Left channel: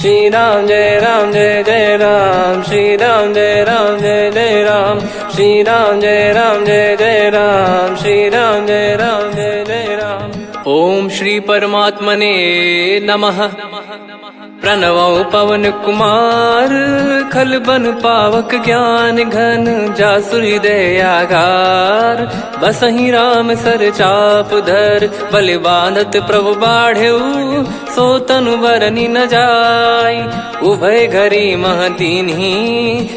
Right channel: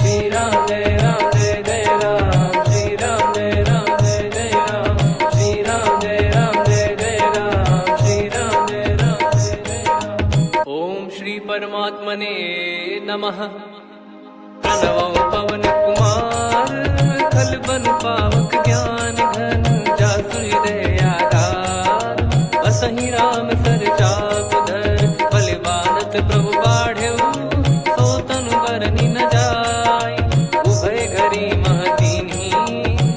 श्री राम जय जय राम, श्री राम जय जय राम, श्री राम जय जय राम, श्री राम जय जय राम। ओम श्री परमात्मने नमः। प्रणवो पवन कुमार, खल बन पावक ज्ञान घन, जासु हृदय आगार। बसहि राम सर चाप धर, बलि बांधत प्रभु बाढ़ेऊ, सो तनु बरनि न जाय। उभय घरी महतीन्ही,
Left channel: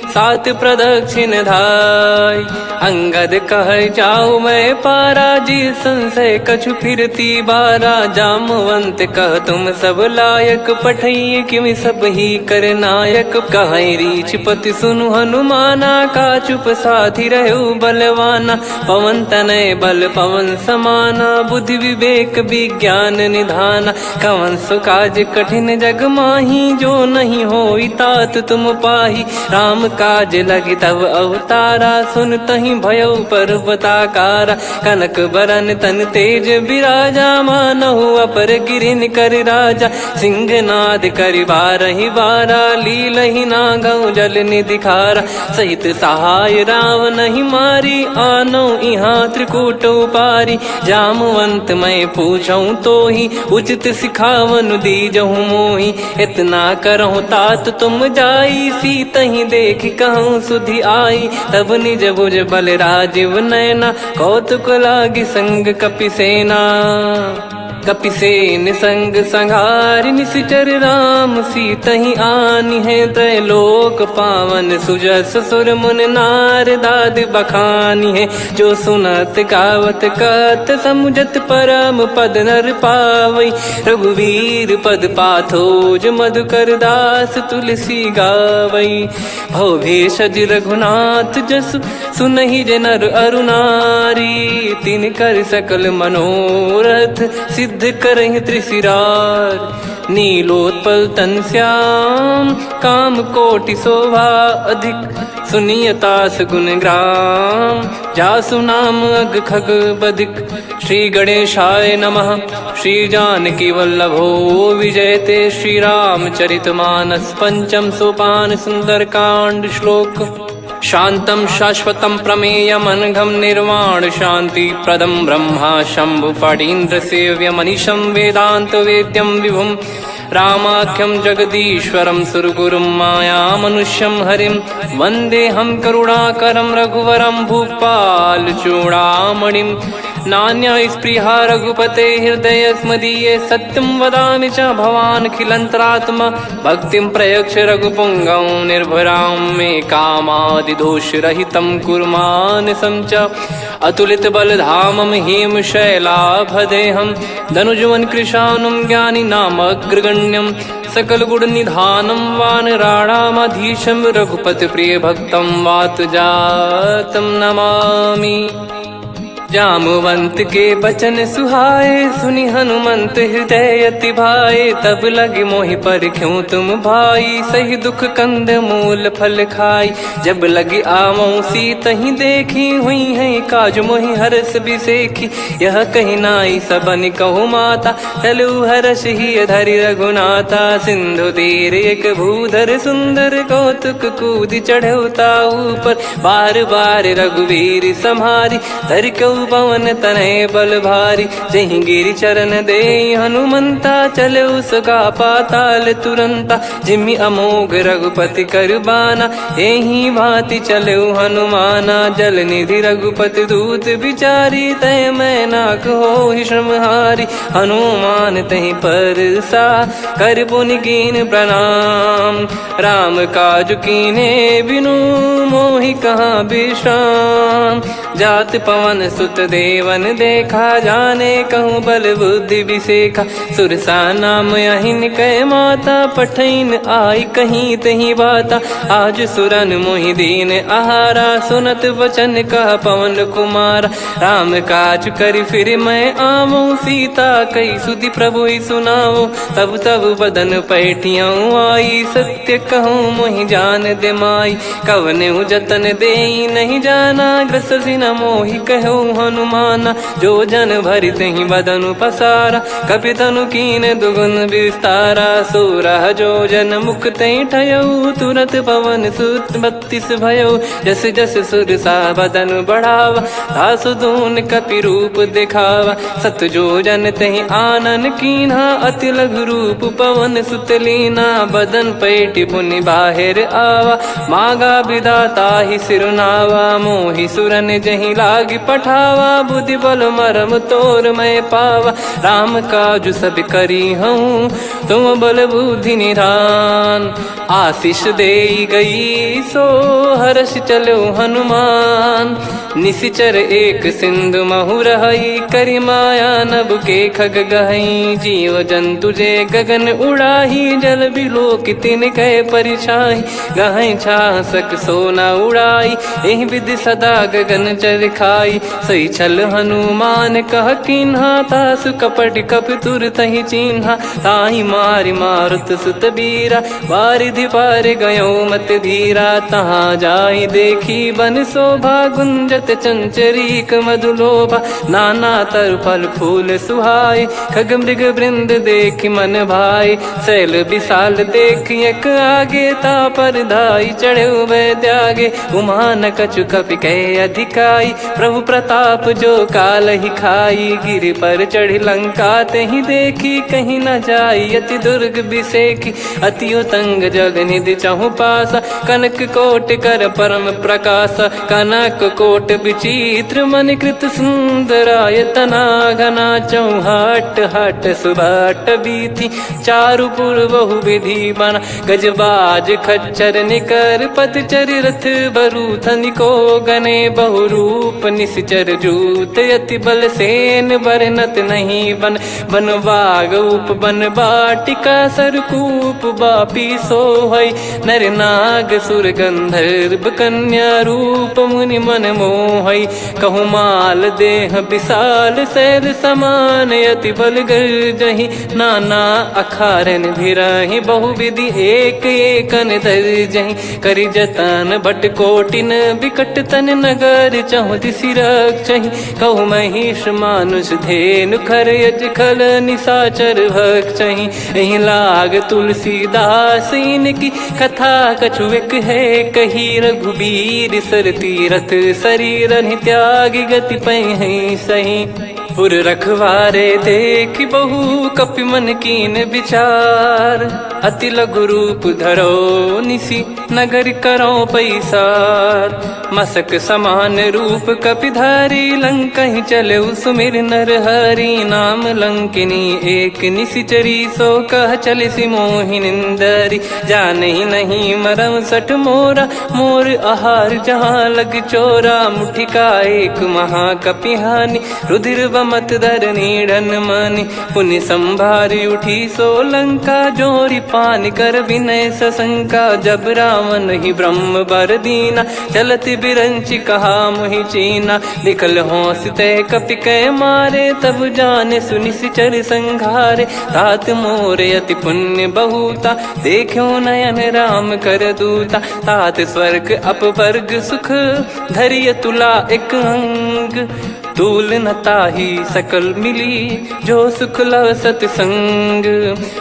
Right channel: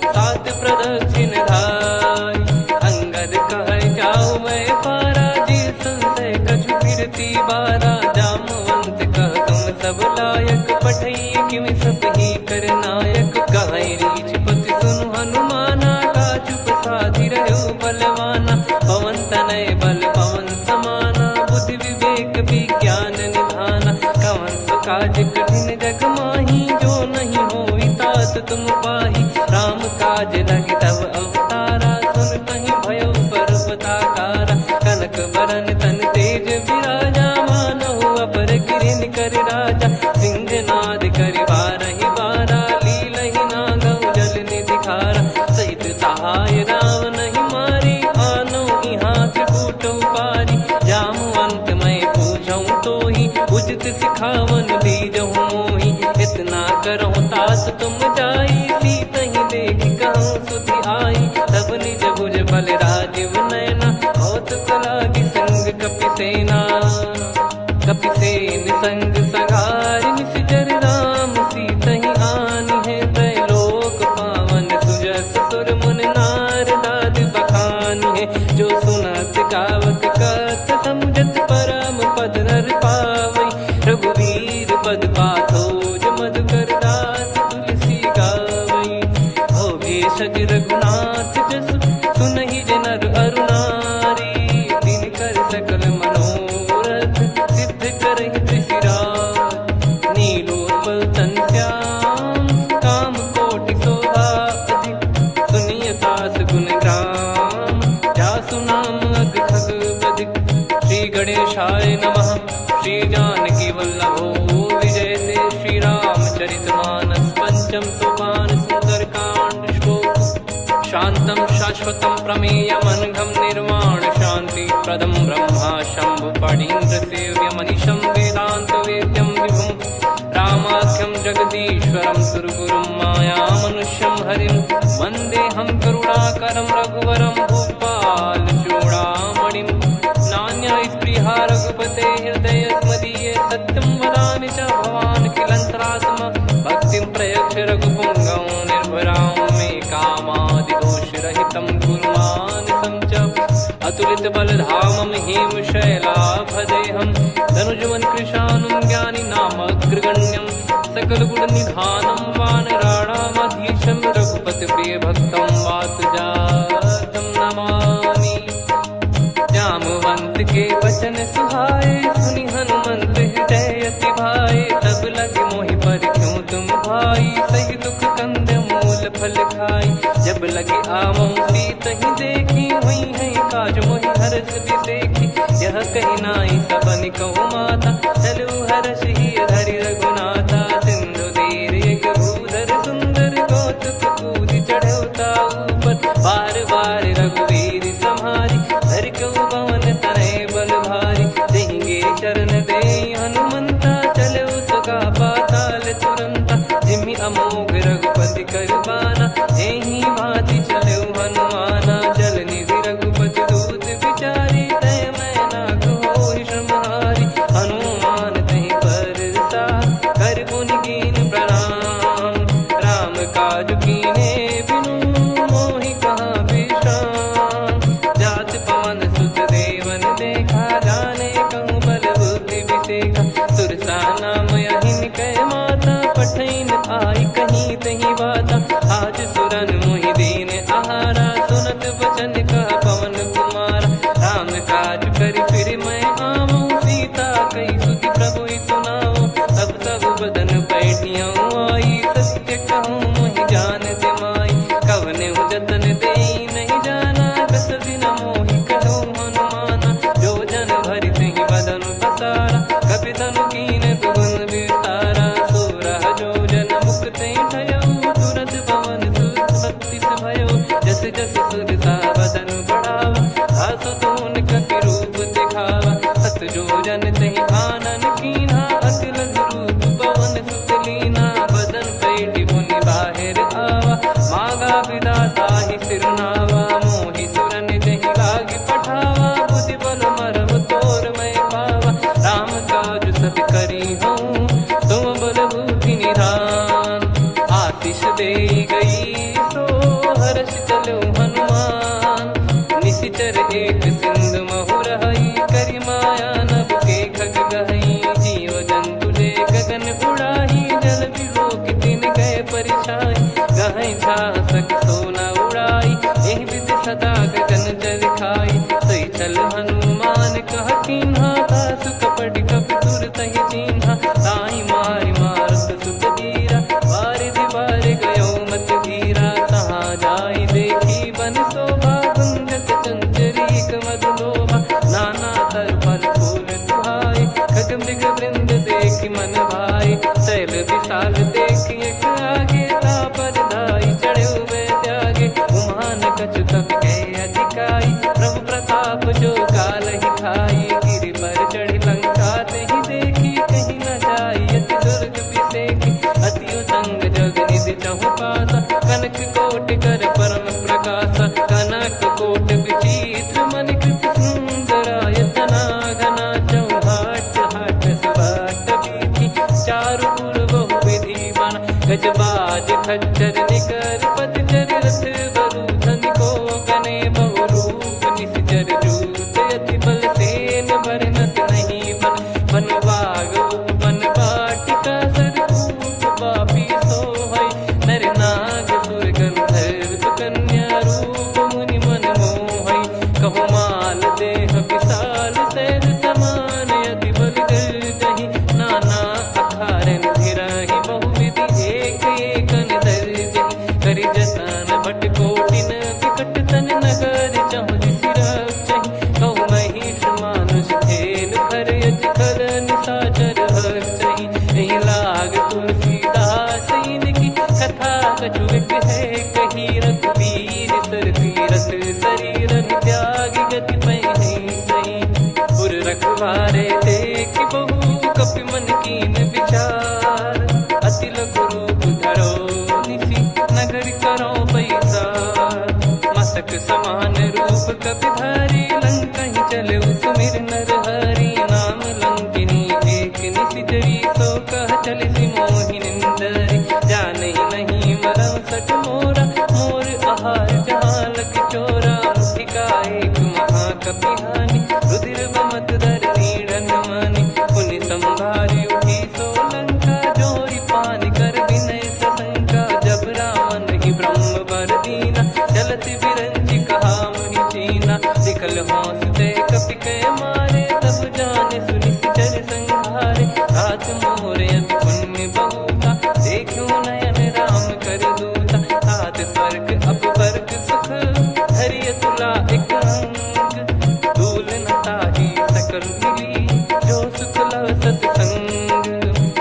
सात प्रदक्षिण धाय। अंगद कह जाऊ मैं पारा, जी संशय कछु फिरती बारा। जामवंत कह तुम सब लायक, पठई किमि सब ही कर नायक। कहीं रीछ पति सुनु हनुमाना, का चुप साधि रहु बलवाना। पवन तनय बल पवन समाना, बुद्धि विवेक विज्ञान निधाना। कवन सो काज कठिन जग माही, जो नहीं होई तात तुम पाही। राम काज लगी तब अवतारा, सुन तहि भयउ पर्वताकारा। कनक बरन तन तेज बिराजा, मानहु अपर गिरिन कर राजा। सिंहनाद करि बारहि बारा, लीलहि नागौ जल निधि खारा। सहित सहाय राम नहीं मारी, आनो इहाँ त्रिकूट उपारी। जामवंत मैं पूछऊँ तोहि, उचित सिखावन दीजहु मोहि। इतना करहु तात तुम जाई, सीतहि देख कहूँ सुधि आई। तब निज भुज बल राजीव नयना, कौतुक लागी संग कपिसेना। कपिसेन संग संघारि, निशिचर राम सीतहि आनी है। त्रैलोक पावन सुजस सुर मुन नार, दाद बखानी है। जो सुनत गावत कथ, समुझत परम पद नर पावई। रघुवीर पद पाथोज, मधुकर दास तुलसी गावई। भव भेषज रघुनाथ जसु, सुनहि जे नर अरु नारी। तिन कर सकल मनोरथ, सिद्ध करहि त्रिशिरार। नीलोत्पल तन श्याम, काम कोटि शोभा अधिक। सुनियतास गुण ग्राम, जासु नाम अग खग बदिक। श्री गणेशाय नमः। श्री जानकी वल्लभो विजयते, श्री रामचरित मानस। पंचम सोपान सुंदर कांड श्लोक। शांतं शाश्वतं प्रमेयमनघं, निर्वाण शांति प्रदं ब्रह्मा शंभु फणीन्द्र सेव्यमनिशं। वेदांत वेद्यं विभुं रामाख्यं जगदीश्वरं, सुरगुरुं माया मनुष्यं हरिं। वन्देऽहं करुणाकरं रघुवरं, भूपाल चूडामणिं। नान्या स्पृहा रघुपते हृदय स्मदीये, सत्यं वदामि च भवान् खिलन्तरात्मा। भक्तिं प्रयच्छ रघुपुङ्गं, निर्भरां मे कामादिदोषरहितं कुर्मानिसं च। अतुलित बलधामं हेमशैलाभदेहं, धनुजवन कृशानुं ज्ञानी नामग्रगण्यं। सकल गुण निधानं वानराणामधीशं, रघुपति प्रिय भक्तं वातजातं नमामि। जामवंत के बचन सुहाए, सुनि हनुमंत हृदय अति भाए। तब लगे मोहि पर क्यों तुम भाई, सही दुख कंद मूल फल खाई। जब लगे आवऊं सीतहि देखी, हुई है काज मोहि हरस बिसेखी। यह कही नाई सबन कहु माता, चलु हरष ही धरि रघुनाथा। सिंधु तीर एक भूधर सुंदर, कौतुक कूद चढ़ौता ऊपर। बार बार रघुवीर सम्हारी, धर कऊ पवन तनय बल भारी। जहि गिरि चरण दे हनुमंता, चले उसका पाताल तुरंता। जिमि अमोघ रघुपति कर बाना, एहि भांति चले हनुमाना। जल निधि रघुपति दूत बिचारी, तय मैं नाग होहि श्रमहारी। हनुमान तहि परसा, कर पुनि कीन प्रणाम। राम काज कीने बिनु, मोहि कहाँ विश्राम। जात पवन सुत देवन देखा, जाने कहूँ बल बुद्धि विसेखा। सुरसा नाम अहिन कै माता, पठैन आई कहीं तही बाता। आज सुरन मोहि दीन आहारा, सुनत वचन कह पवन कुमारा। राम काज करि फिर मैं आवऊं, सीता कई सुधि प्रभु ही सुनाओ। तब तब बदन पैठियाँ आई, सत्य कहूँ मोहि जान दे माई। कवने जतन दे नहीं जाना, ग्रसि न मोहि कहो हनुमाना। जो जन भरि तेहि बदनु पसारा, कपि तनु कीन दुगुन विस्तारा। सोरह जो जन मुख तेहि ठयऊ, तुरत पवन सुत 32 भयऊ। जस जस सुरसा बदन बढ़ावा, आसु दून कपि रूप दिखावा। सत जो जन तेहि आनन कीन्हा, अति लघु रूप पवन सुत लीना। बदन पैटि पुनि बाहिर आवा, मागा विधाता ही सिरुनावा। मोहि सुरन जहि लागी पठावा, बुद्धि बल मरम तोर मैं पावा। राम काजु सब करी हूँ, तुम बल बुद्धि निधान। आशीष देई गई सो हर्ष चलो हनुमान। निशिचर एक सिंधु महु रहई, करी माया नभ के खग गहई। जीव जंतु जे गगन उड़ाही, जल बिलोक तिन कह परिछाई। गहई छासक सोना उड़ाई, एहि विधि सदा गगन चर खाई। सही छल हनुमान कह कीन्हा, तासु कपट कप तुर तहि चिन्हा। ताहि मारि मारुत सुत बीरा, वारिधि पार गयो मत धीरा। तहाँ जाई देखी बन शोभा, गुंजत चंचरीक मधुलोभा। नाना तर फल फूल सुहाए, खग मृग वृंद देख मन भाई। शैल विशाल देख एक आगे, तापर धाई चढ़े वै त्यागे। उमान कछु कपि कह अधिकाई, प्रभु प्रताप जो काल ही खाई। गिर पर चढ़ी लंका तेहि देखी, कहीं न जाई अति दुर्ग बिसेकी। अति उतंग जग निधि चहु पासा, कनक कोट कर परम प्रकाश। कनक कोट विचित्र मन कृत सुंदरायतना। घना चौहाट हाट सुबाट बीती, चारु पुर बहु विधि बना। गजबाज खच्चर निकर पतचर, रथ बरु धनिको गने। बहु रूप निशिचर जूत, अति बल सेन बरनत नहीं बन। बन बाग उप बन बाटिका, सरकूप बापी सोहई। नर नाग सुर गंधर्व कन्या, रूप मुनि मन मोहई। कहु माल देह विशाल, शैल समान अति बल गर्जहि। नाना अखारन भिरहि, बहु विधि एक एकन दर्जहि। करि जतन बट कोटिन, बिकट तन नगर चहु दिसि रक्षहि। कहु महिष मानुष धेनु, खर यज खल निशाचर भक्षहि। एहि लाग तुलसीदास इनकी, कथा कछु एक है कही। रघुबीर सर तीरथ शरीर, त्यागी गति पै सही। पुर रखवारे देख बहु, कपि मन कीन विचार। अति लघु रूप धरो निसी, नगर करो पैसार। मसक समान रूप कपि धारी, लंकहि चले सुमिर नर हरि। नाम लंकिनी एक निशिचरी, सो कह चलिसि मोहि निंदरी। जानहि नहीं मरम सठ मोरा, मोर आहार जहाँ लग चोरा। मुठिका एक महाकपिहानि, रुधिर बमत धरनी ढन मानि। पुनि संभारी उठी सो लंका, जोरी पान कर विनय सशंका। जब रावण ही ब्रह्म बर दीना, चलत बिरंचि कहा मुहि चीना। लिखल होंस ते कपि कै मारे, तब जाने सुनि सिचर संघारे। तात मोरे अति पुण्य बहुता, देखो नयन राम कर दूता। तात स्वर्ग अपवर्ग सुख, धरिय तुला एक अंग। तूल न ताहि सकल मिली, जो सुख लव सतसंग।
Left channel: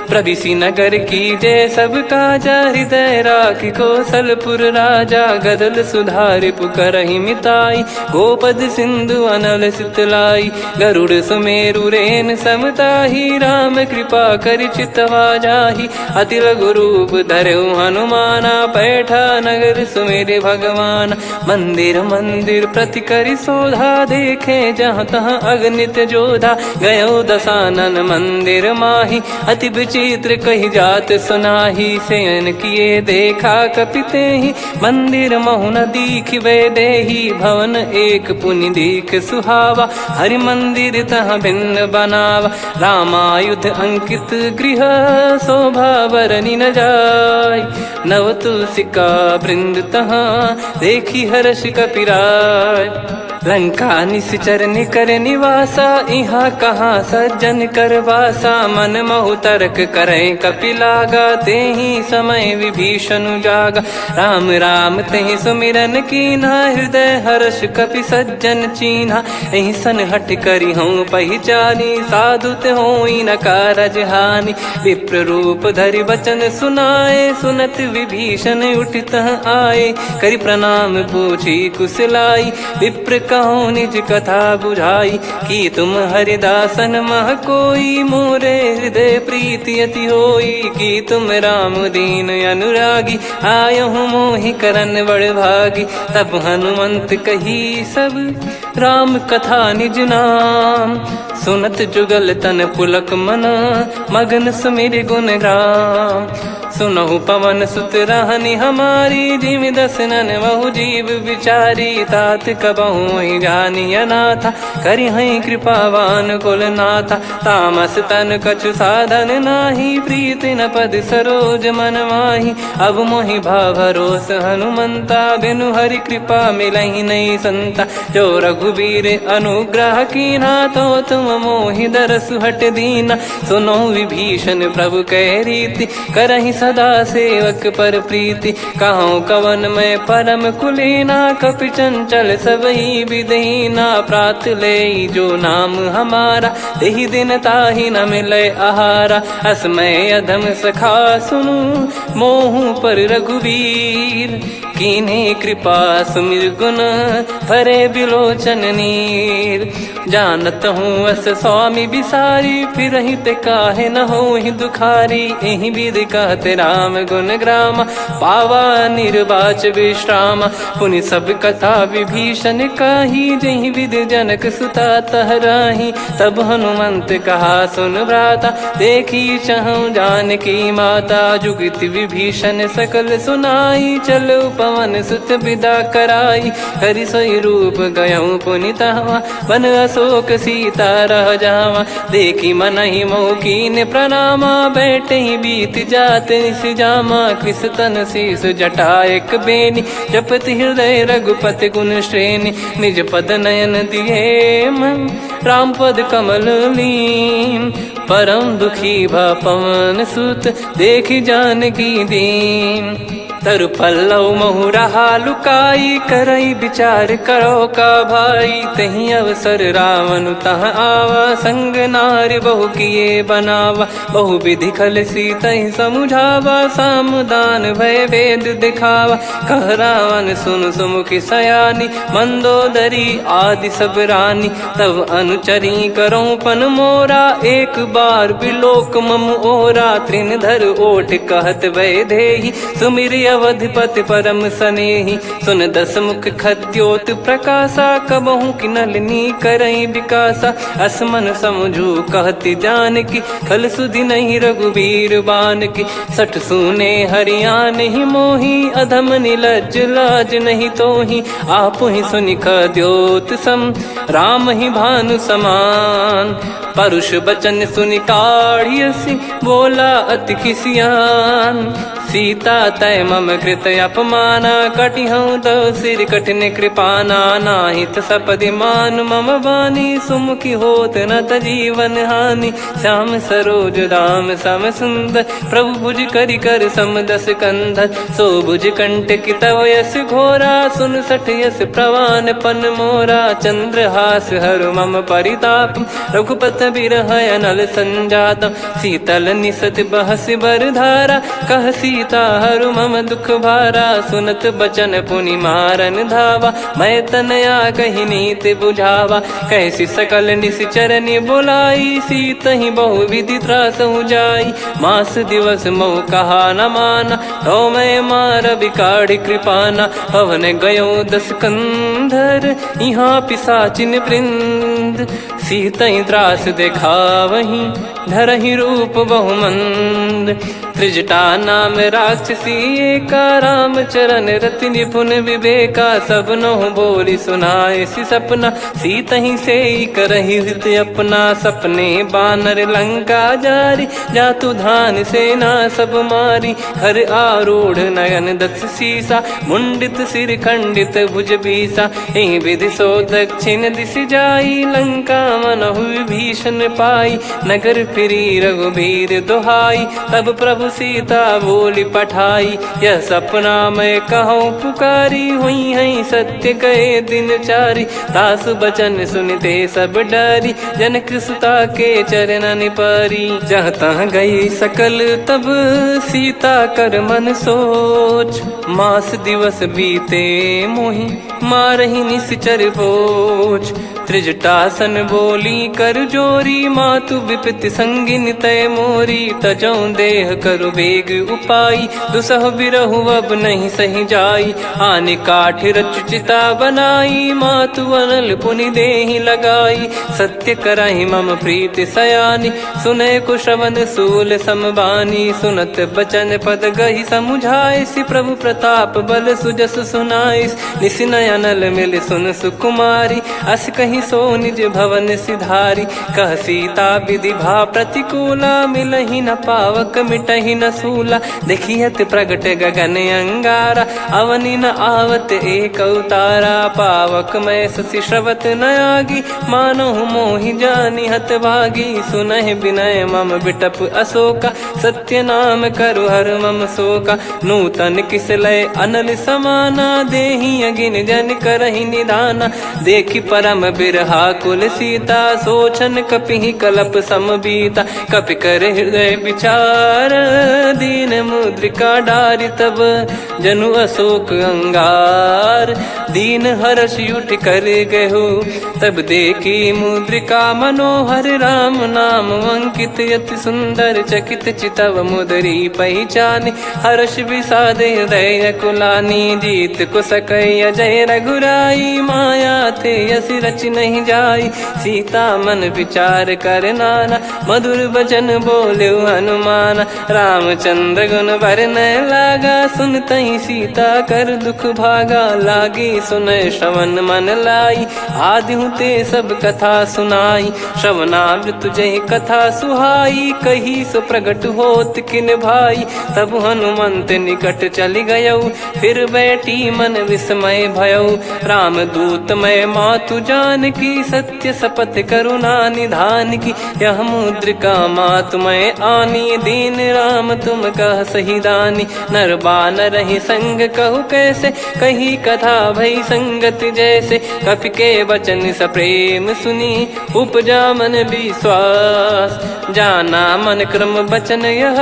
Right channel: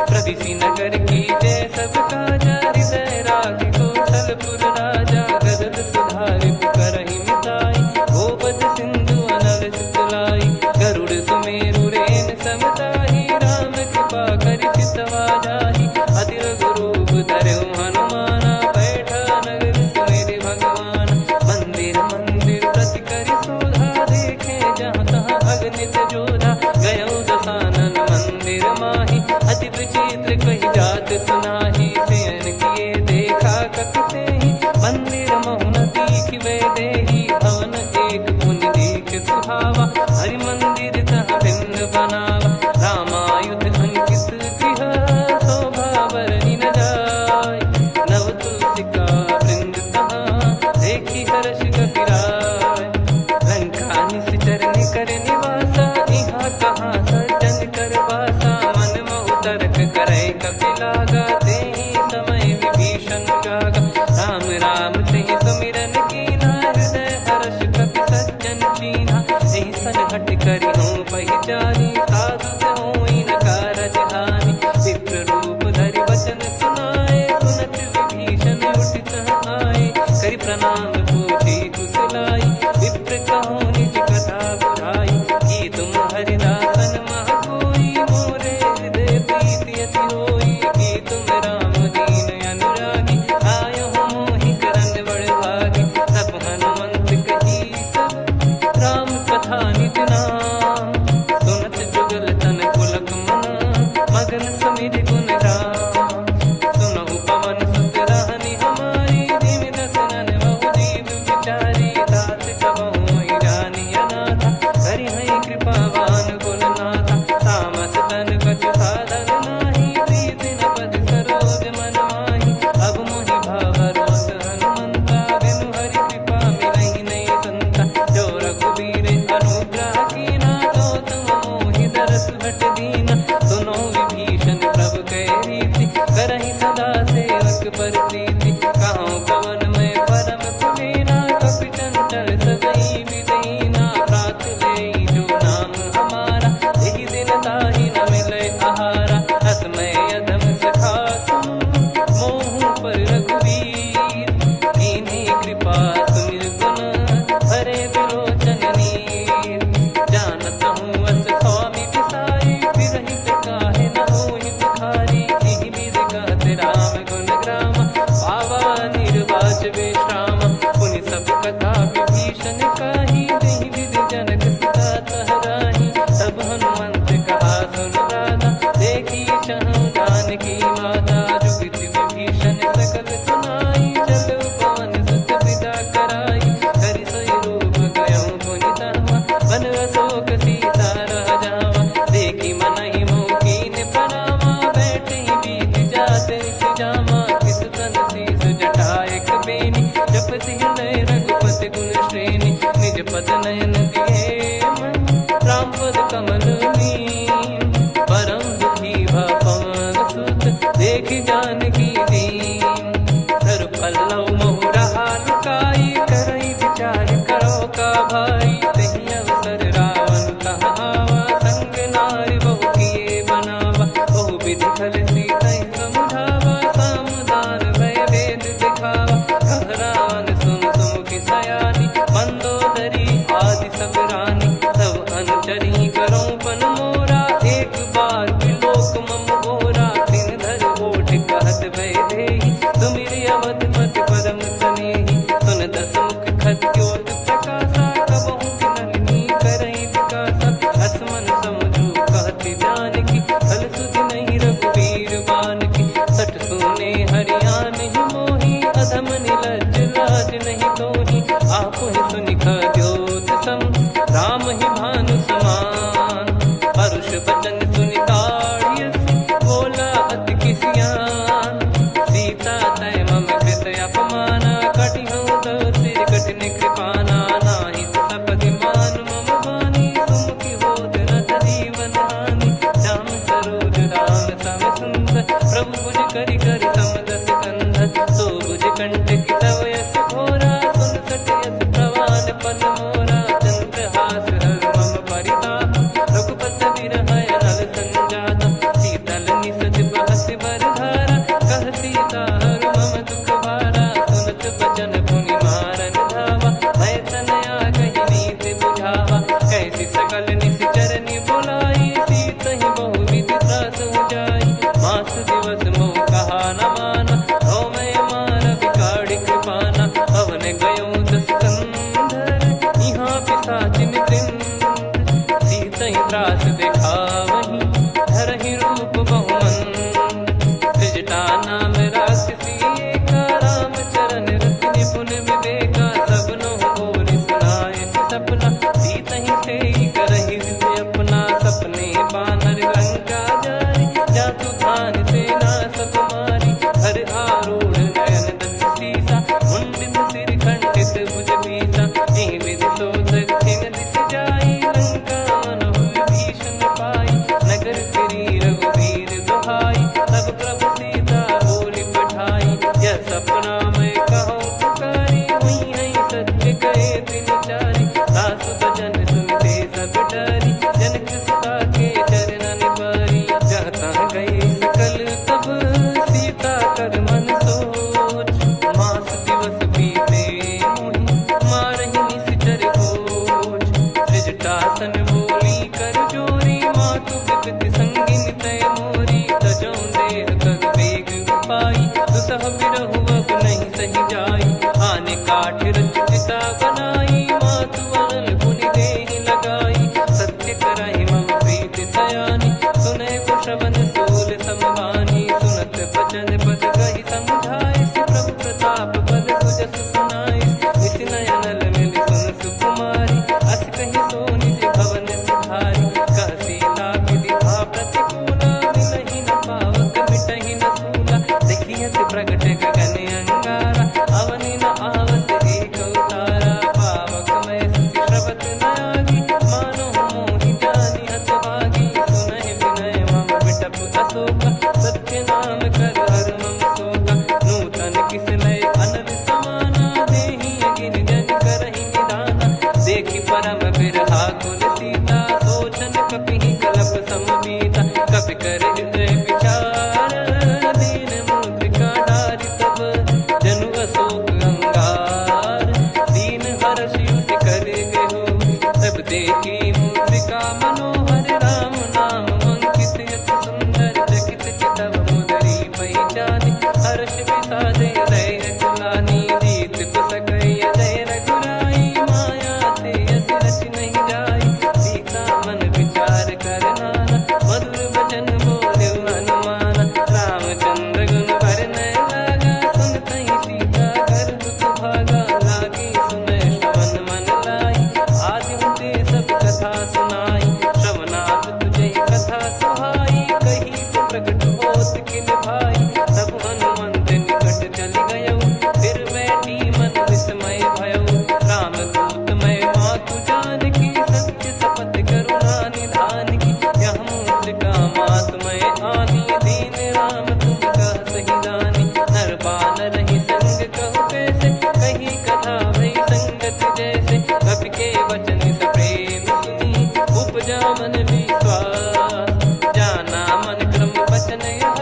प्रविशि नगर की जय सब काजा, हृदय राखि कौशलपुर राजा। गदल सुधारि पुकरहि मिताई, गोपद सिंधु अनल सितलाई। गरुड़ सुमेरु रेन समताहि, राम कृपा करि चितवा जाहि। अति लघु रूप धरऊ हनुमाना, पैठा नगर सुमेरे भगवान। मंदिर मंदिर प्रति करि शोधा, देखे जहाँ तहाँ अगणित जोधा। गयो दशानन मंदिर माही, अति विचित्र कही जात सुनाही। शयन किए देखा कपि तेहि, मंदिर महु न दीख वे देही। भवन एक पुनि दीख सुहावा, हरि मंदिर तहाँ भिन्न बनावा। रामायुध अंकित गृह, शोभा बरनि न जाय। नव तुलसी का वृंद तहाँ, देखी हर्ष कपिराय। लंका निश्चर निकर निवासा, इहाँ कहाँ सज्जन कर वासा। मन महु तर्क करे कपिलागा, तेहि समय विभीषण जागा। राम राम तेहि सुमिरन कीन्हा, हृदय हर्ष कपि सज्जन चीन्हा। एहि सन हट करि हूँ पहिचानी, साधु ते होई न कारज हानि। विप्र रूप धरि वचन सुनाए, सुनत विभीषण उठित आए। करि प्रणाम पूछी कुशलाई, विप्र कहो निज कथा बुझाई। कि तुम हरिदासन मह कोई, मोरे हृदय प्रीति अति होई। कि तुम राम दीन अनुरागी, आयहु मोहि करन बड़ भागी। तब हनुमंत कही सब राम कथा निज नाम, सुनत जुगल तन पुलक मना, मगन सुमिर गुण राम। सुनहु पवन सुत रहनी हमारी, जिमि दसनन महु जीव विचारी। तात कबहु ही जानी अनाथा, करि हई कृपावान कुल नाथा। तामस तन कछु साधन नाही, प्रीति न पद सरोज मन माही। अब मोहि भाव भरोस हनुमंता, बिनु हरि कृपा मिलहि नहीं संता। जो रघुबीर अनुग्रह कीन्हा, तो तुम मोहि दरसु हट दीना। सुनो विभीषण प्रभु कह रीति, करहि सदा सेवक पर प्रीति। कहूँ कवन में परम कुलीना, कपि चंचल सबही विदहीना। प्रात ले जो नाम हमारा, तेहि दिन ताहि न मिले आहारा। असमय अधम सखा सुनु, मोहु पर रघुवीर। कीन्ही कृपा सुमिर गुण, भरे बिलोचन नीर। जानत हूँ अस स्वामी बिसारी, फिरहि ते काहे न होहि दुखारी। एहि विधि कहते राम गुण ग्राम, पावा निर्वाच विश्राम। पुनि सब कथा विभीषण काही, जहि विधि जनक सुता तहराही। तब हनुमंत कहा सुन भ्राता, देखी चहु जानकी माता। जुगति विभीषण सकल सुनाई, चलो पवन सुत विदा कराई। करि सोई रूप गयऊँ पुनि तहवा, वन अशोक सीता रह जावा। देखी मनहि मोह कीन्ह प्रणामा, बैठे ही बीत जात निस जामा। कृस तन शीस जटा एक बेनी, जपति हृदय रघुपति गुण श्रेणी। निज पद नयन दिए मन, राम पद कमल लीन। परम दुखी भा पवन सुत, देखि जानकी दीन। तरु पल्लव महु रहा लुकाई, करई विचार करो का भाई। तहि अवसर रावण तह आवा, संग नारी बहु किए बनावा। बहु विधि खल सीतहि समुझावा, सामदान भय वेद दिखावा। कह रावण सुन सुमुखि सयानी, मंदोदरी आदि सब रानी। तब अनुचरी करो पन मोरा, एक बार बिलोक मम ओरा। तृण धर ओठ कहत भय देहि, सुमिर अवधिपति परम सनेहि। सुन दस मुख खद्योत प्रकाशा, कबहु कि नलिनी करई विकासा। असमन समझू कहति जानकी, खल सुधि नहीं रघुवीर बानकी। सठ सुने हरियाण ही मोही, अधम निलज्ज लाज नहीं तोही। आप ही सुनि खद्योत सम, राम ही भानु समान। परुष बचन सुनि काढ़ियसि, बोला अति किसियान। सीता तय मम कृत अपमाना, कटिहऊँ तव सिर कठिन कृपाना। नाहित सपदि मान मम बानी, सुमुखी होत न जीवन हानि। श्याम सरोज राम सम सुंदर, प्रभु भुज करि कर सम दस कंधर। सो भुज कंठ की तव यस घोरा, सुन सठ यस प्रवान पन मोरा। चंद्रहास हर मम परिताप, रघुपत बिरह अनल संजातम। शीतल निसत बहस बर धारा, कह सीता हरु मम दुख भारा। सुनत बचन पुनि मारन धावा, मैं तनया कहि नीति बुझावा। कैसी सकल निश्चरनि बुलाई, सीतहि बहु विधि त्रासहु जाई। मास दिवस मोह कहा न माना, तो मैं मार बिकाढ़ि कृपाना। पवन गयो दस कंधर, यहाँ पिशाचिन वृंद। मंद, सीतई त्रास देखावहीं धरहि रूप बहुमंद। त्रिजटा नाम राक्षसी एका, राम चरण रति निपुण विवेका। सबनो बोली सुनाए सि सपना, सीतहि से करहि हृद अपना। सपने बानर लंका जारी, जातु धान सेना सब मारी। हर आरूढ़ नयन दक्ष सीसा, मुंडित सिर खंडित भुज बीसा। एहि विधि सो दक्षिण दिश जाई, लंका मनहु विभीषण पाई। नगर फिरी रघुबीर दुहाई, तब प्रभु सीता बोली पठाई। यह सपना मैं कहूँ पुकारी, हुई है सत्य कहे दिन चारी। दास बचन सुनते सब डरी, जनक सुता के चरण परी। जहाँ तहाँ गई सकल तब सीता कर मन सोच। मास दिवस बीते मोहि मारहि निश्चर बोझ। त्रिजटासन बोली कर जोरी, मातु विपत्ति संगिन तय मोरी। तजौ देह करु बेग उपाई, दुसह बिरहु अब नहीं सही जाई। आने काठ रचिता बनाई, मातु अनल पुनि देहि लगाई। सत्य करहि मम प्रीति सयानी, सुनय को श्रवण सूल समबानी। सुनत बचन पद गहि समुझाए, सि प्रभु प्रताप बल सुजस सुनाइस। निस नयनल मिल सुन सुकुमारी, अस कहि सो निज भवन सिधारी। कह सीता विधि भा प्रतिकूला, मिलहि न पावक मिटहि न सूला। देखियत प्रगट गगन अंगारा, अवनि न आवत एक अवतारा। पावक मैं शशि श्रवत न आगी, मानो मोहि जानि हत भागी। सुनहि विनय मम बिटप अशोका, सत्य नाम करु हर मम शोका। नूतन किस लय अनल समाना, देहि अगिन जन करहि निदाना। देखि परम बिरहा कुल सीता, सोचन कपिहि कलप समबीता। कपि कर हृदय विचार, दीन मुद्रिका डारि तब जनु अशोक अंगार। दीन हर्ष उठ कर गहु, तब देखी मुद्रिका मनोहर। राम नाम अंकित अति सुंदर, चकित चितव मुदरी पहचान। हर्ष विषाद हृदय कुलानी, जीत को सकय जय रघुराई। माया थे यस रच नहीं जाई, सीता मन विचार कर नाना। मधुर बचन बोले हनुमान, रामचंद्र गुण बरनै लागा। सुनतहि सीता कर दुख भागा, लागी सुनय श्रवण मन लाई। आदि ते सब कथा सुनाई, श्रवणामृत जय कथा सुहाई। कही सो प्रगट होत किन भाई, तब हनुमंत निकट चली गयौ। फिर बैठी मन विस्मय भयौ, राम दूत मैं मातु जानकी। सत्य शपथ करुणा निधान की, यह मुद्रिका मातु मैं आनी। दीन राम तुम कह सही दानी, नर बानर ही संग कहु कैसे। कही कथा भई संगति जैसे, कपि के वचन सप्रेम सुनी। उपजा मन विश्वास, जाना मन क्रम बचन यह।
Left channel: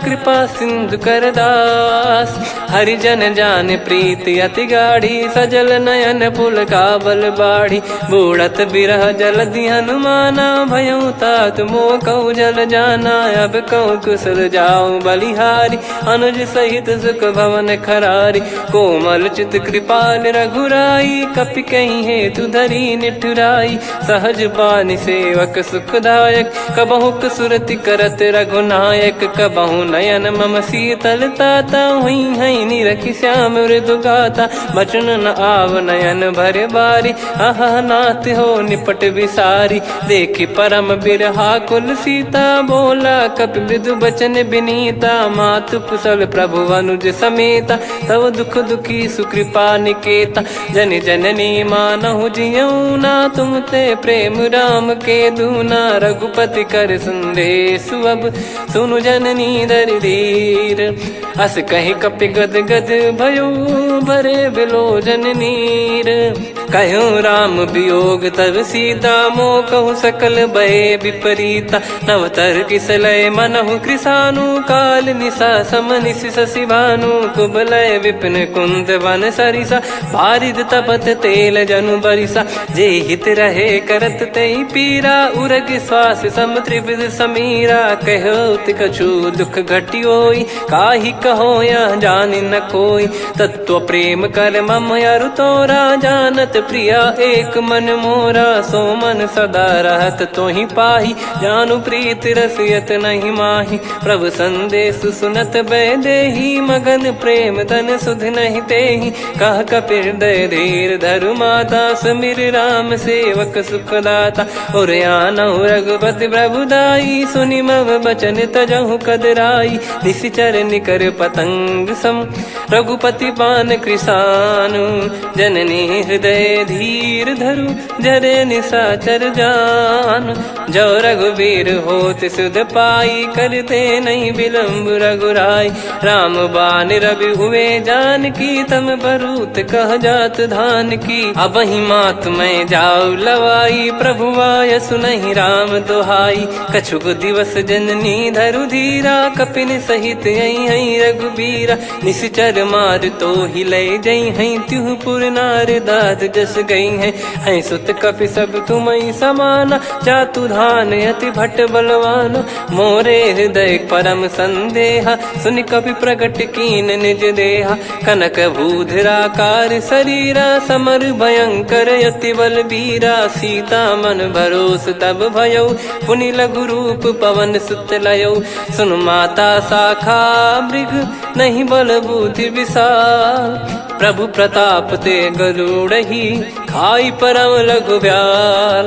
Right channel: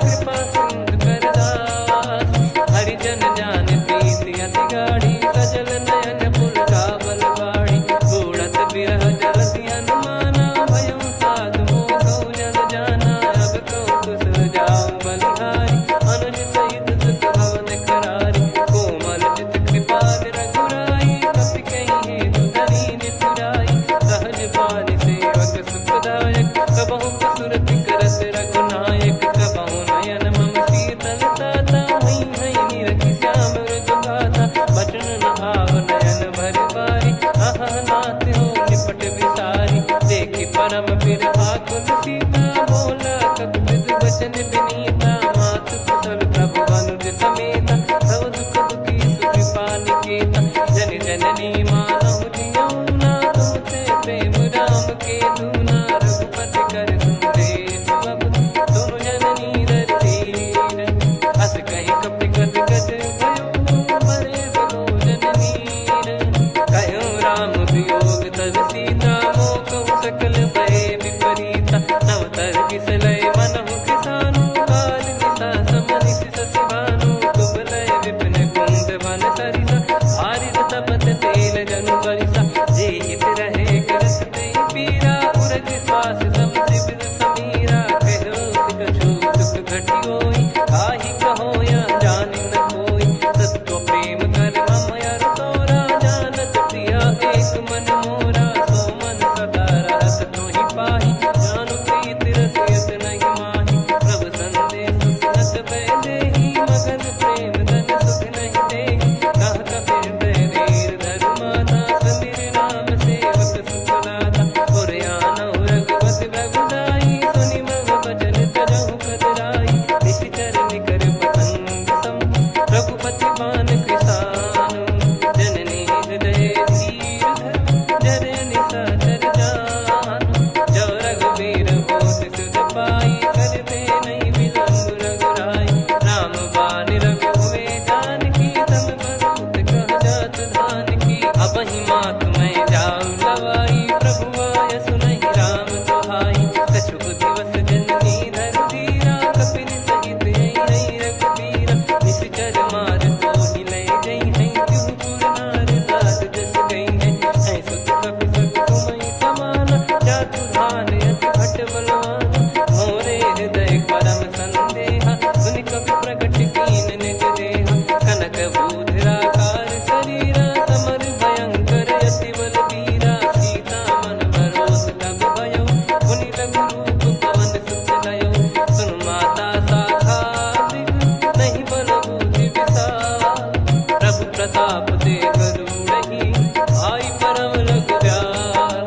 कृपा सिंधु कर दास, हरिजन जान प्रीति अति गाढ़ी। सजल नयन पुल का बल बाढ़ी, बूढ़त बिरह जल दी हनुमाना। भयउ तात मोह कहु जल जाना, अब कहु कुशल जाऊं बलिहारी। अनुज सहित सुख भवन खरारी, कोमल चित कृपाल रघुराई। कपि कहीं हेतु धरी निठुराई, सहज पानि सेवक सुखदायक। कबहु सुरति करत रघुनायक, कबहु नयन मम शीतल ताता। हुई है निरखि श्याम मृदु गाता, बचन न आव नयन भर बारी। आहा नाथ हो निपट विसारी, देखि परम बिरहा कुल सीता। बोला कपि मृदु बचन बिनीता, मातु कुशल प्रभु अनुज समेता। तव दुख दुखी सुकृपा निकेता, जन जननी मानहु जियऊ ना। तुम ते प्रेम राम के दूना, रघुपति कर संदेश अब सुनु जननी दर धीर। अस कहि कपि गद गद भयो, भरे बिलोचन नीर। कहो राम वियोग तब सीता, मोह कहु सकल भय विपरीता। नवतर किसलय मनहु कृसानु, काल निशा समनिशि शशि भानु। कुबलय विपिन कुंद वन सरिसा, पारिद तपत तेल जनु बरिसा। जे हित रहे करत तेहि पीरा, उरग श्वास सम त्रिविध समीरा। कहो कछु दुख घटियोई, काहि कहो या जान न कोई। तत्व प्रेम कर मम अरु तोरा, जानत प्रिया एक मन मोरा। सो मन सदा रहत तो ही पाही, जानु प्रीत रसियत नहीं माही। प्रभु संदेश सुनत बैदेही, मगन प्रेम धन सुध नहीं तेही। कह कपिर दय धीर धरु माता, समिर राम सेवक सुखदाता। और आनौ रघुपति प्रभुदाई, सुनि मव बचन तजहु कदराई। निशिचर निकर पतंग सम, रघुपति पान कृसानु। जननी हृदय धीर धरु, जरे निशाचर जान। जो रघुवीर होत सुध पाई, करते नहीं विलम्ब रघुराई। राम बान रवि हुए जानकी, तम बरूत कह जात धान की। अब ही मात मैं जाऊ लवाई, प्रभु आय सुनहि राम दोहाई। कछुक दिवस जननी धरु धीरा, कपिन सहित यही रघुबीरा। निशिचर मार तो ही ले जई हैं, त्युह पुर नार दाद जस गई हैं। सुत कपि सब तुमहि समाना, जातु धान अति भट बलवान। मोरे हृदय परम संदेहा, सुनि कपि प्रकट कीन निज देहा। कनक भूधराकार शरीरा, समर भयंकर अति बलबीरा। सीता मन भरोस तब भयउ, पुनि लघु रूप पवन सुत लयउ। सुन माता शाखा मृग, नहीं बल बुद्धि विशाल। प्रभु प्रताप ते गरुड़ही, खाई परम लघु ब्याल।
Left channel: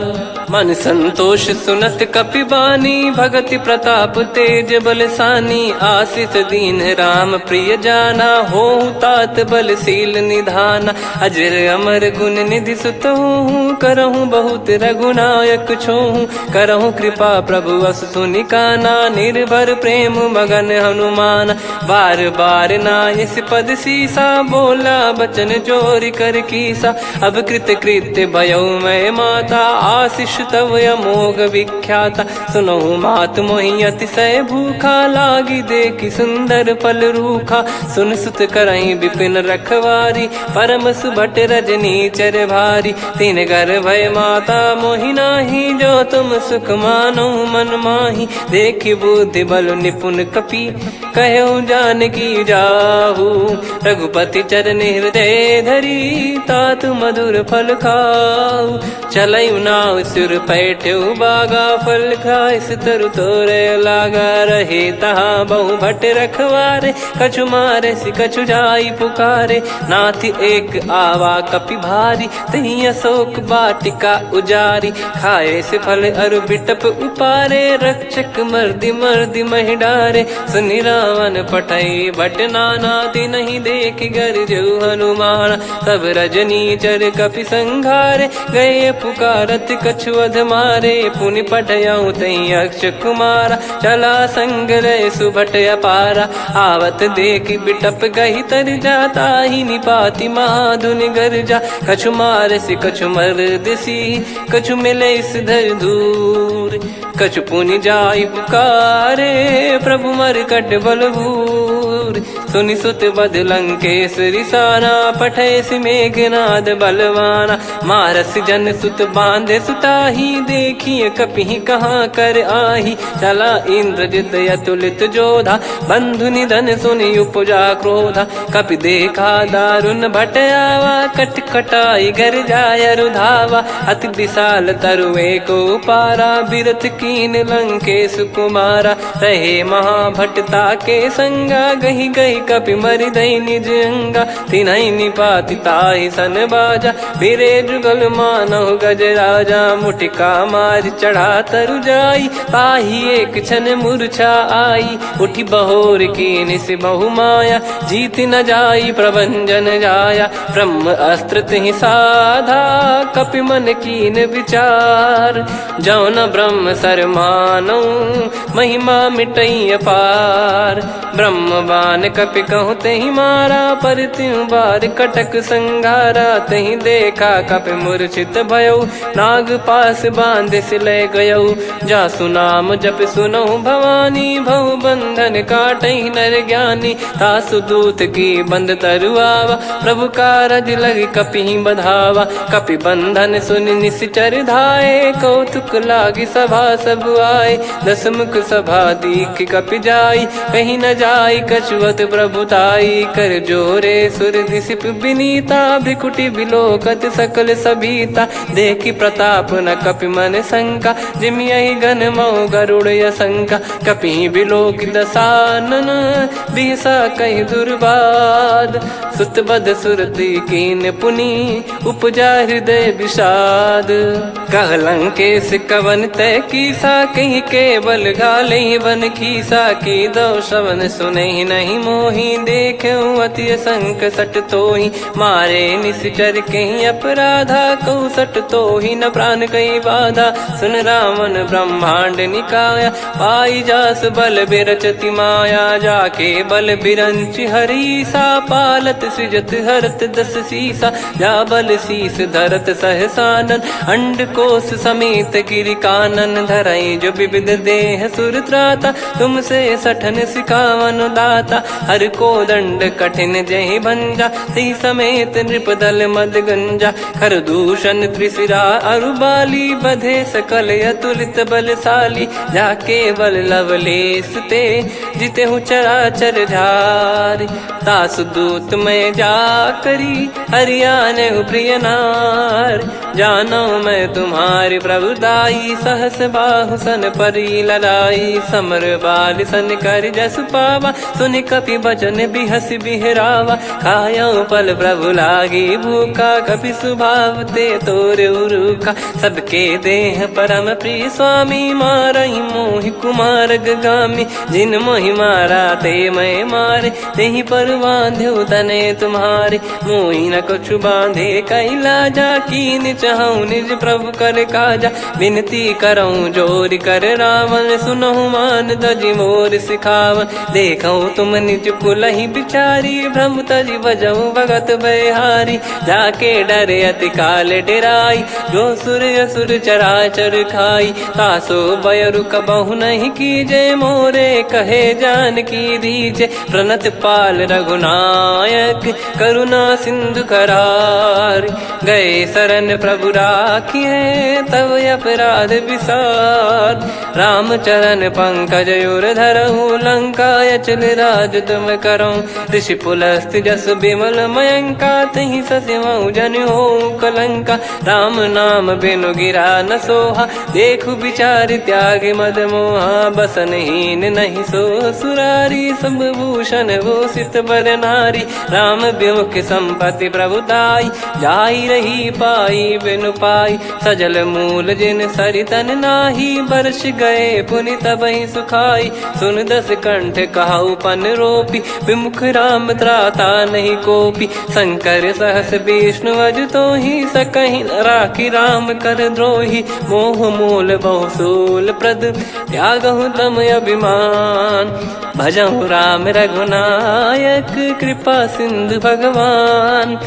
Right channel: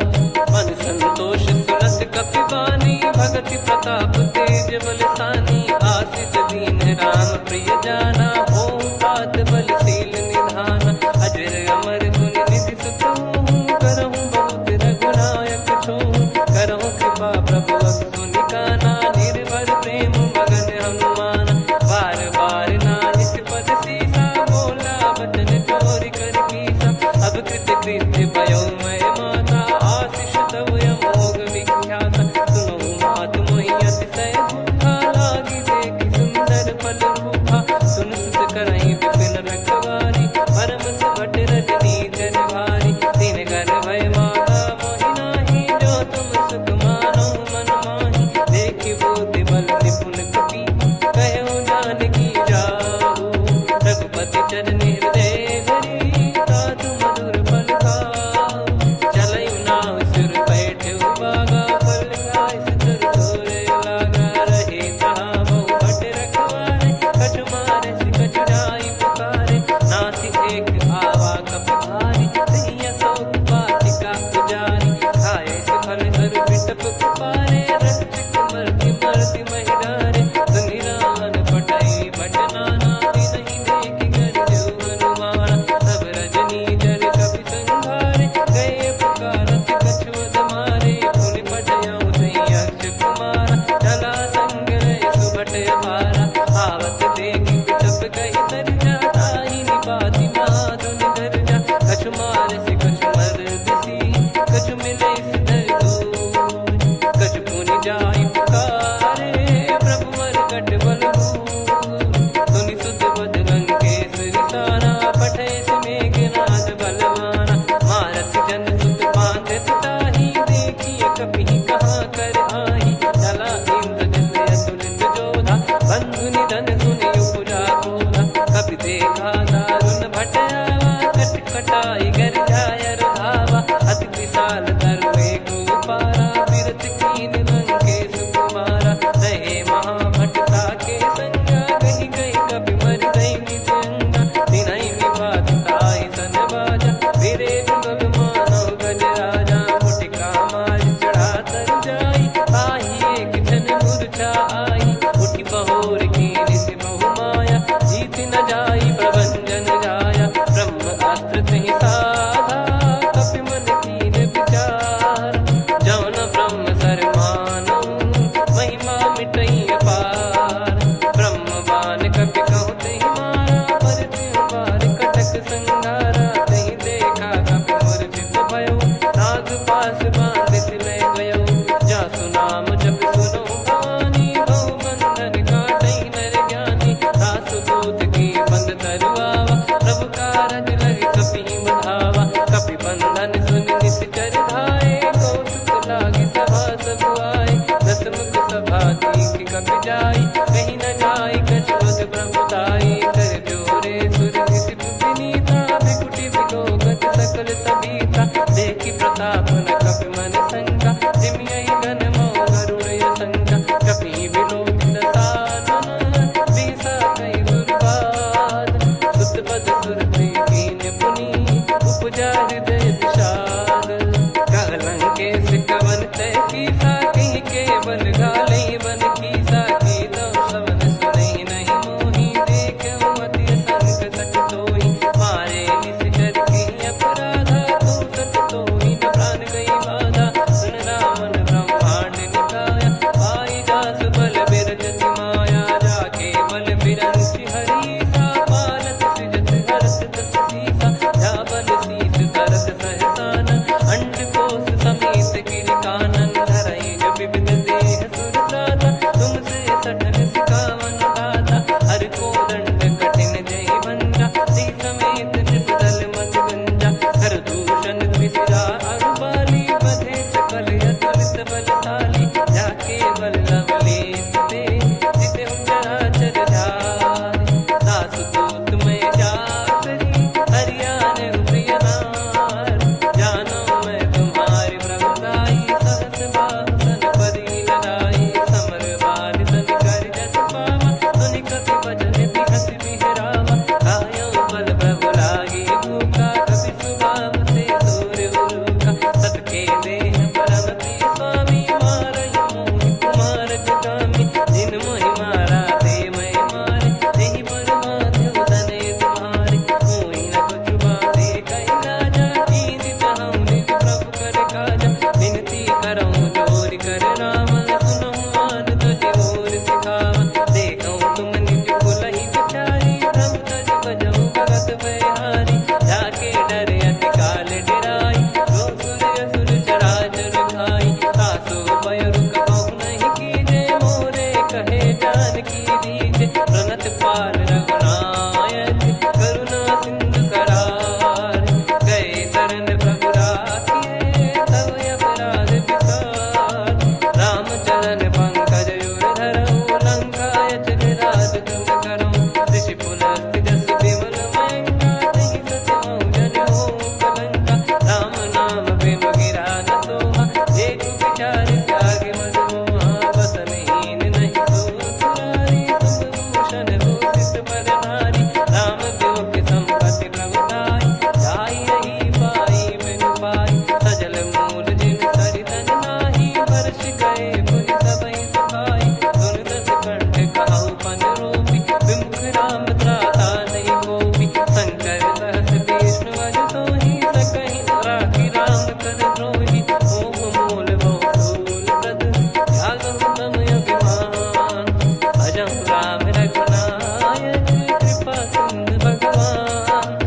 मन संतोष सुनत कपि बानी, भगति प्रताप तेज बलसानी। आशीष दीन राम प्रिय जाना, होहु तात बलशील निधाना। अजर अमर गुण निधि सुतहु, करहु बहुत रघुनायक छोहु। करहु कृपा प्रभु अस सुनि काना, निर्भर प्रेम मगन हनुमान। बार बार नायस पद सीसा, बोला बचन चोरी कर कीसा। अब कृत कृत्य भयउ मैं माता, आशीष तव अमोघ विख्याता। सुनहु मात मोहि अतिशय भूखा, लागी देखि सुंदर फल रूखा। सुन सुत करहि विपिन रखवारी, परम सुभट रजनी चर भारी। तीन घर भय माता मोहि नाही, जो तुम सुख मानो मन माही। देखि बुद्धि बल निपुण कपि, कहु जानकी जाहु। रघुपति चरण हृदय धरी, तात मधुर फल खाऊ। चलयु नाव सुर पैठ्यु बागा, फल खाइस तरु तोरे लागा। रहे तहाँ बहु भट रखवारे, कछु मारे सि कछु जाई पुकारे। नाथ एक आवा कपि भारी, तही अशोक वाटिका उजारी। खाए से फल अरु बिटप उपारे, रक्षक मर्दि मर्दि महि डारे। सुनि रावण पटई भट नाना, तिनहि देखि गरजउ हनुमान। तब रजनी चर कपि संघारे, गए पुकारत कछु अध मारे। पुनि पठयउ तई अक्ष कुमारा, चला संग रहे सुभट अपारा। आवत देखि बिटप गही तर जाता, ही निपाति महाधुनि गर्जा। कछु मार से कछु मर्दिसी, कछु मिले इस धर दूर। कछु पुनि जाई पुकारे, प्रभु मरकट बलभूर। सुनि सुत बद लंकेश्वरी साना, पठय मेघनाद बलवाना। मारस जन सुत बांधे सुताही, देखिए कपि कहाँ कर आही। चला इंद्रजित अतुलित जोधा, बंधु निधन सुनि उपजा क्रोधा। कपि देखा दारुण भट आवा, कट कटाई गर जाय रुधावा। अति विशाल तरुए को पारा, बिरत कीन लंकेश कुमारा। रहे महाभटता के संगा, गही गही कपि मरि दई निज अंगा। तिन्हि निपाति ताहि सन बाजा, फिरे जुगल मानव गज राजा। मुटिका मार चढ़ा तरु जाई, ताहि एक क्षण मूर्छा आई। उठि बहोर कीन से बहु माया, जीत न जाई प्रभंजन जाया। ब्रह्म अस्त्र तिहि साधा, कपि मन कीन विचार। जौ न ब्रह्म सर मानौ, महिमा मिटई अपार। ब्रह्म बान कपि कहु तहि मारा, पर त्यों बार कटक संगारा। तहि देखा कपि मूर्छित भयउ, नाग पास बांध सिले गयउ। जासु नाम जप सुनहु भवानी, भव बंधन काटहि नर ज्ञानी। तासु दूत की बंद तरुआवा, प्रभु कारज लग कपि बधावा। कपि बंधन सुनि निश्चर धाये, कौतुक लागी सभा सब आए। दस मुख सभा दीख कपि जाई, कहीं न जाई कछुवत प्रभुताई। कर जोरे सुर दिसिप विनीता, भ्रिकुटि बिलोकत सकल सबीता। देखि प्रताप न कपि मन शंका, जिमियहि गन मऊ गरुड़ असंका। कपि बिलोक दसानन, बिहसा कहि दुर्वाद। सुत बध सुरति कीन पुनि, उपजा हृदय विषाद। कहलंकेश कवन तय कीसा, कहीं केवल गाले बन खीसा। की दो श्रवण सुने नहीं मोही, देखे अति संक सट तोही। मारे निश्चर कहीं अपराधा, कहूँ सट तोही न प्राण कहीं बाधा। सुन रावण ब्रह्मांड निकाया, पाई जास बल बिरचति माया। जाके बल बिरंच हरीसा, पालत सृजत हरत दस सीसा। जा बल शीस धरत सहसानन, अंड कोश समेत गिरि कानन। धरई जो विविध देह सुर त्राता, तुमसे सठन सिखावन दाता। हर को दंड कठिन जहि भंजा, ती समेत नृप दल मद गंजा। खर दूषण त्रिशिरा अरुबाली, बधे सकल अतुलित बलशाली। जाके बल लवलेश ते, जिते हूँ चराचर धारी। दास दूत में जा करी, हरियाने प्रिय नार। जानो मैं तुम्हारी प्रभुताई, सहस बाहु सन परी लड़ाई। समर बाल सन कर जस पावा, सुनि कपि भजन बिहस बिहरावा। खायो पल प्रभु लागी भूखा, कपि स्वभाव ते तोर उरुखा। सबके देह परम प्रिय स्वामी, मारई मोहि कुमार गगामी। जिन मोहि मारा ते मैं मारे, तेहि पर बांधो तने तुम्हारे। मोहि न कुछ बांधे कैलाजा, कीन चाहूँ निज प्रभु कर काजा। विनती करऊँ जोर कर रावण, सुनहु मान तजि मोर सिखावन। देखऊँ तुम निज पुलहि बिचारी, भ्रम तजि बजऊँ भगत बहारी। जाके डरे अति काल डेराई, जो सुर असुर चराचर खाई। तासो बयरु कबहु नहीं कीजे, मोरे कहे जान की दीजे। प्रणत पाल रघुनायक, करुणा सिंधु करार। गए शरण प्रभु राखिए, तब अपराध विसार। राम चरण पंकज उर धरऊँ, लंका अचल राज तुम करऊँ। ऋषि पुलस्त जस विमल मयंका, तहि सत्यमऊ जन हो कलंका। राम नाम बिनु गिरा न सोहा, देखु विचार त्याग मद मोहा। बसनहीन नहीं सो सुरारी, सब भूषण भूषित बर नारी। राम विमुख संपत्ति प्रभुताई, जाई रही पाई बिनु पाई। सजल मूल जिन सरितन नाही, वर्ष गए पुनि तबहि सुखाई। सुन दस कंठ कहाऊ पन रोपी, विमुख राम त्राता नहीं कोपी। शंकर सहस विष्णु अज तोहि, सकहि न राखी राम कर द्रोही। मोह मूल बहु सूल प्रद, त्यागहु तम अभिमान। भजहु राम रघुनायक, कृपा सिंधु भगवान।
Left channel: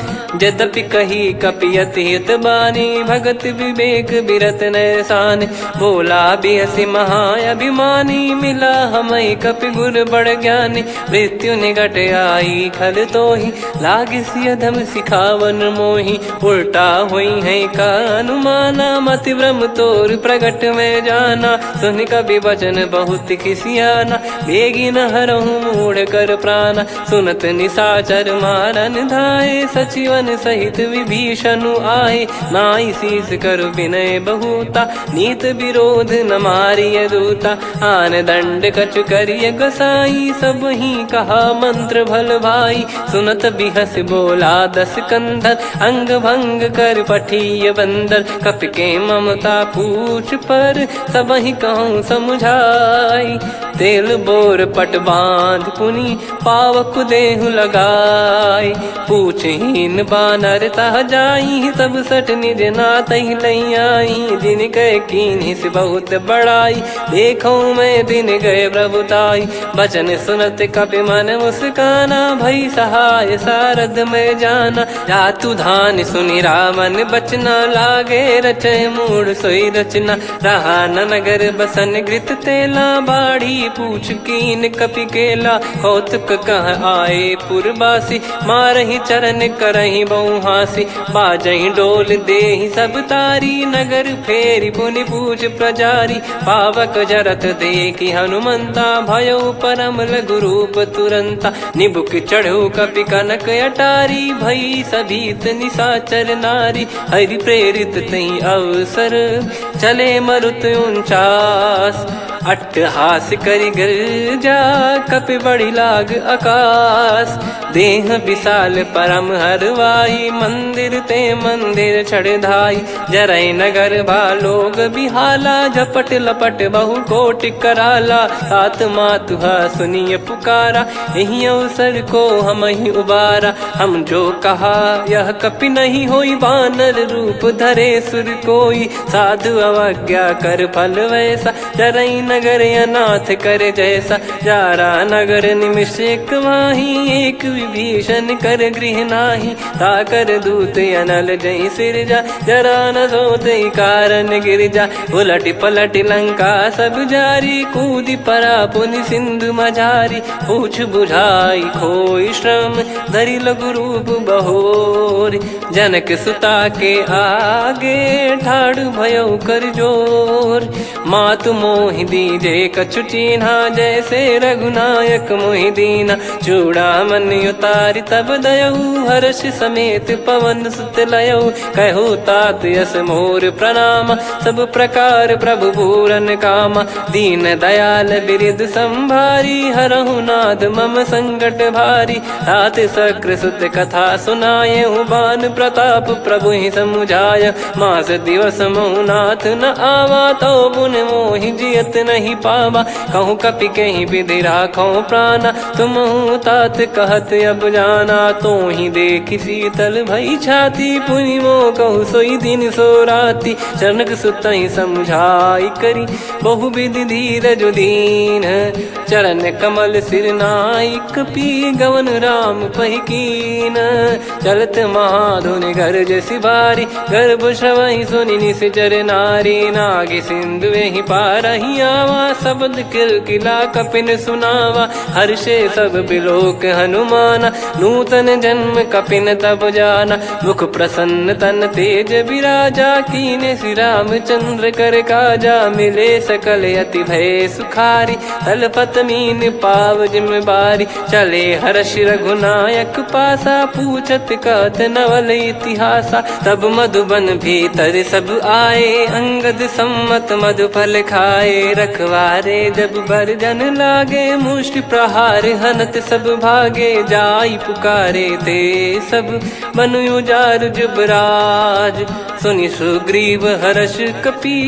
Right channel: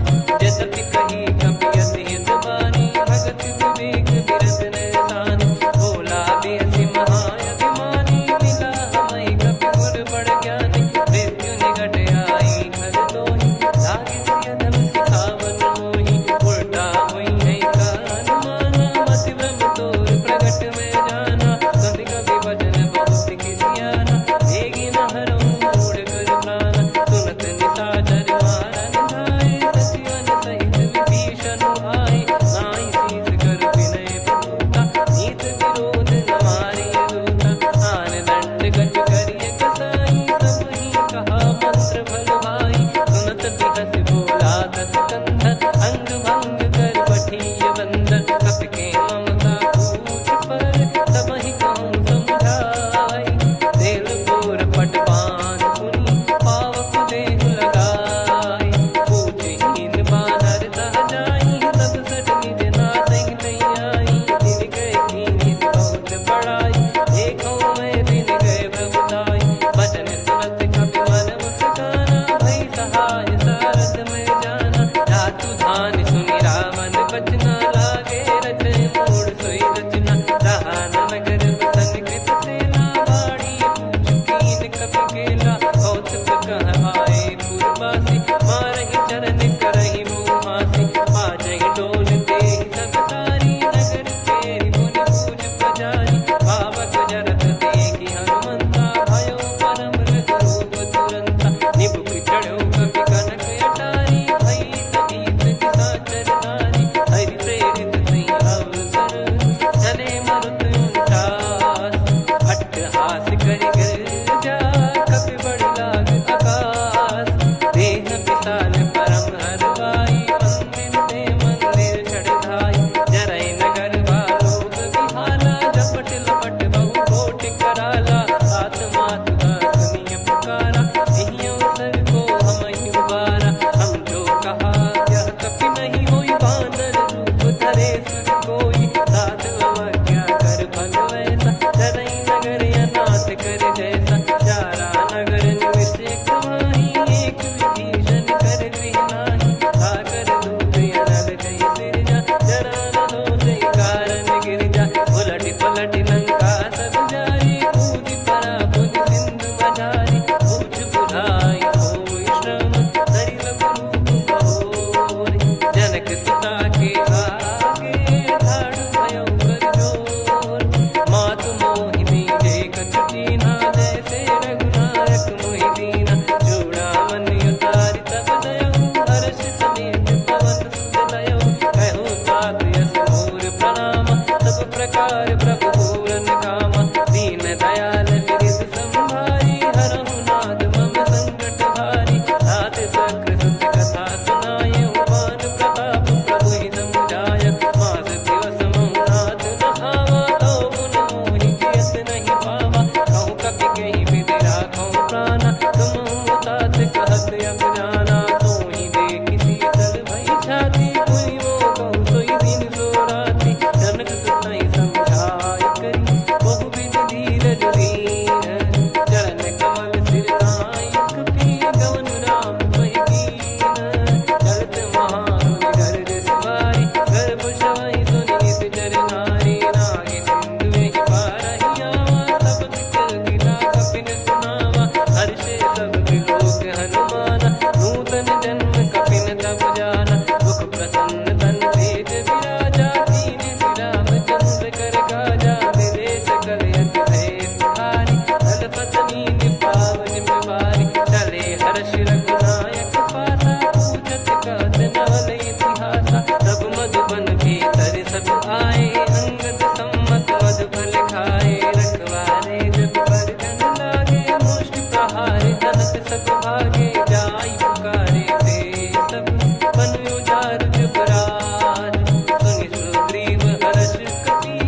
यद्यपि कही कपियति हित बानी, भगत विवेक बिरत नैसान। बोला बिहसि महाअभिमानी, मिला हमई कपि गुर बड़ ज्ञानी। मृत्यु निकट आई खल तोहि, लागिसि अधम सिखावन मोहि। उल्टा हुई है का अनुमाना, मति भ्रम तोर प्रगट में जाना। सुन कवि वचन बहुत खिसियाना, बेगी न हरहु मूढ़ कर प्राणा। सुनत निशाचर मारन धाये, सचिवन सहित विभीषणु आए। नाई शीस कर विनय बहुता, नीत विरोध न मारिय दूता। आन दंड कछु करिय गसाई, सब ही कहा मंत्र भल भाई। सुनत बिहस बोला दस कंधर, अंग भंग कर पठिय बंदर। कपि के ममता पूछ पर, सब ही कहूँ समुझाई। तेल बोर पट बांध पुनि, पावक देहु लगाई। पूछहीन बानर तह जाई, सब सट निज नातहि लई आई। दिन गए कीन्ही से बहुत बड़ाई, देखो मैं दिन गए प्रभुताई। बचन सुनत कपि मन मुस्काना, भई सहाय सारद में जाना। जातु धान सुनि रावण बचना, लागे रचय मूढ़ सोई रचना। रहा न नगर बसन घृत तेला, बाढ़ी पूछ कीन कपि केला कौतुक कह आए पुरबासी मारही चरण करही बहु हासी बाजही डोल देहि सब तारी नगर फेरी पुनि पूज प्रजारी पावक जरत देखी हनुमंता भयो परम लघु रूप तुरंता निबुक चढ़ू कपि कनक अटारी भई सभीत निशाचर नारी हरि प्रेरित तई अवसर चले मरुत 49 अट्टहास करि गिरजा कपि बड़ी लाग आकाश देह विशाल परम हरवाई मंदिर ते मंदिर चढ़ाई जरई नगर बालोग बिहाला झपट लपट बहु कोट कराला सात मातुहा सुनिय पुकारा यही अवसर को हम ही उबारा हम जो कहा यह कपि नहीं होई बानर रूप धरे सुर कोई साधु अवज्ञा कर फल वैसा जरई नगर अनाथ कर जैसा जारा नगर निमिष एक माही एक विभीषण कर गृह नाही ताकर दूत अनल जय सिरजा जरा न सोते कारण गिरजा उलट पलट लंका सब जारी कूदी परा पुनि सिंधु मझारी पूछ बुझाई खोई श्रम धरि लघु रूप बहोरी जनक सुता के आगे ठाड़ भयो कर जोर मातु मोहि दीजे कछु चीन्हा जैसे रघुनायक मोहि दीना चूड़ामन उतारि तब दयऊ हर्ष समेत पवन सुत लयऊ कहु तात यस मोर प्रणाम सब प्रकार प्रभु पूरन कामा दीन दयाल बिरिद संभारी हरहु नाद मम संकट भारी तात सक्र सुत कथा सुनाये बान प्रताप प्रभु ही समुझाय मास दिवस महु नाथ न आवा तो पुन मोहि जियत नहीं पावा कहूँ कपि कहीं विधि राखो प्राणा तुम तात कहत अब जाना तो ही देख शीतल भई छाती पुनि मो कहु सोई दिन सो राती जनक सुतई समझाई करी बहु विधि धीरज दीन चरण कमल सिर नाइक पी गवन राम पहिकीन चलत महाधुनि गर्ज सिबारी गर्भ श्रवहि सुनि निश्चर नारी नागे सिंधु ही पारही आवा शब्द किलकिला कपिन सुनावा हर्षे सब बिलोक हनुमाना नूतन जन्म कपिन तब जाना मुख प्रसन्न तन तेज विराजा कीने श्री रामचंद्र कर काजा मिले सकल अति भय सुखारी तलपत मीन पाव जिम्मेवारी चले हर्ष रघुनायक पासा पूछत कहत नवल इतिहासा तब मधुबन भीतर सब आए अंगद सम्मत मधुफल खाए रखवारे जब बरजन लागे मुष्टि प्रहार हनत सब भागे जाई पुकारे ते सब मनु उजार जुबराज सुनि सुग्रीव हर्ष कपि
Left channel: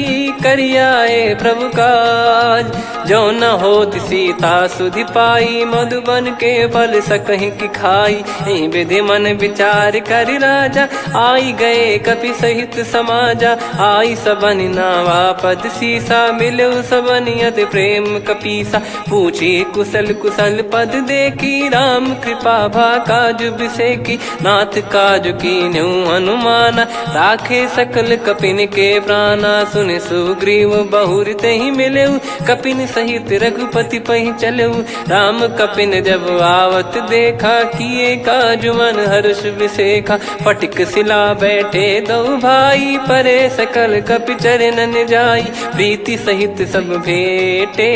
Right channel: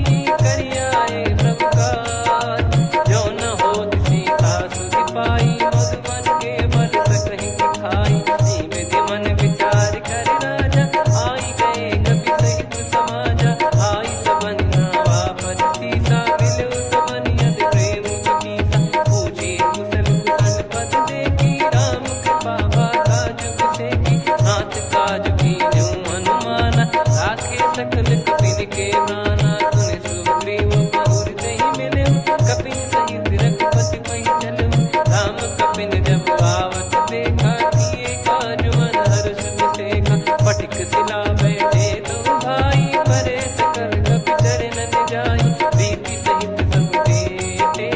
करियाए प्रभु काज जो न हो सीता सुधि पाई मधुबन के फल सकहि की खाई विधि मन विचार कर राजा आई गए कपि सहित समाजा आई सबन नावा पद सीसा मिलो सबनियत प्रेम कपीसा पूछी कुशल कुशल पद देखी राम कृपा भा काज बिसेकी नाथ काज की न्यू हनुमाना राखे सकल कपिन के प्राणा सुन सुग्रीव बहुर ते ही मिले कपिन सहित रघुपति पहि चले राम कपिन जब आवत देखा किए काज मन हर्ष विसेखा पटिक सिला बैठे दो भाई परे सकल कपि चरणन जाई प्रीति सहित सब भेटे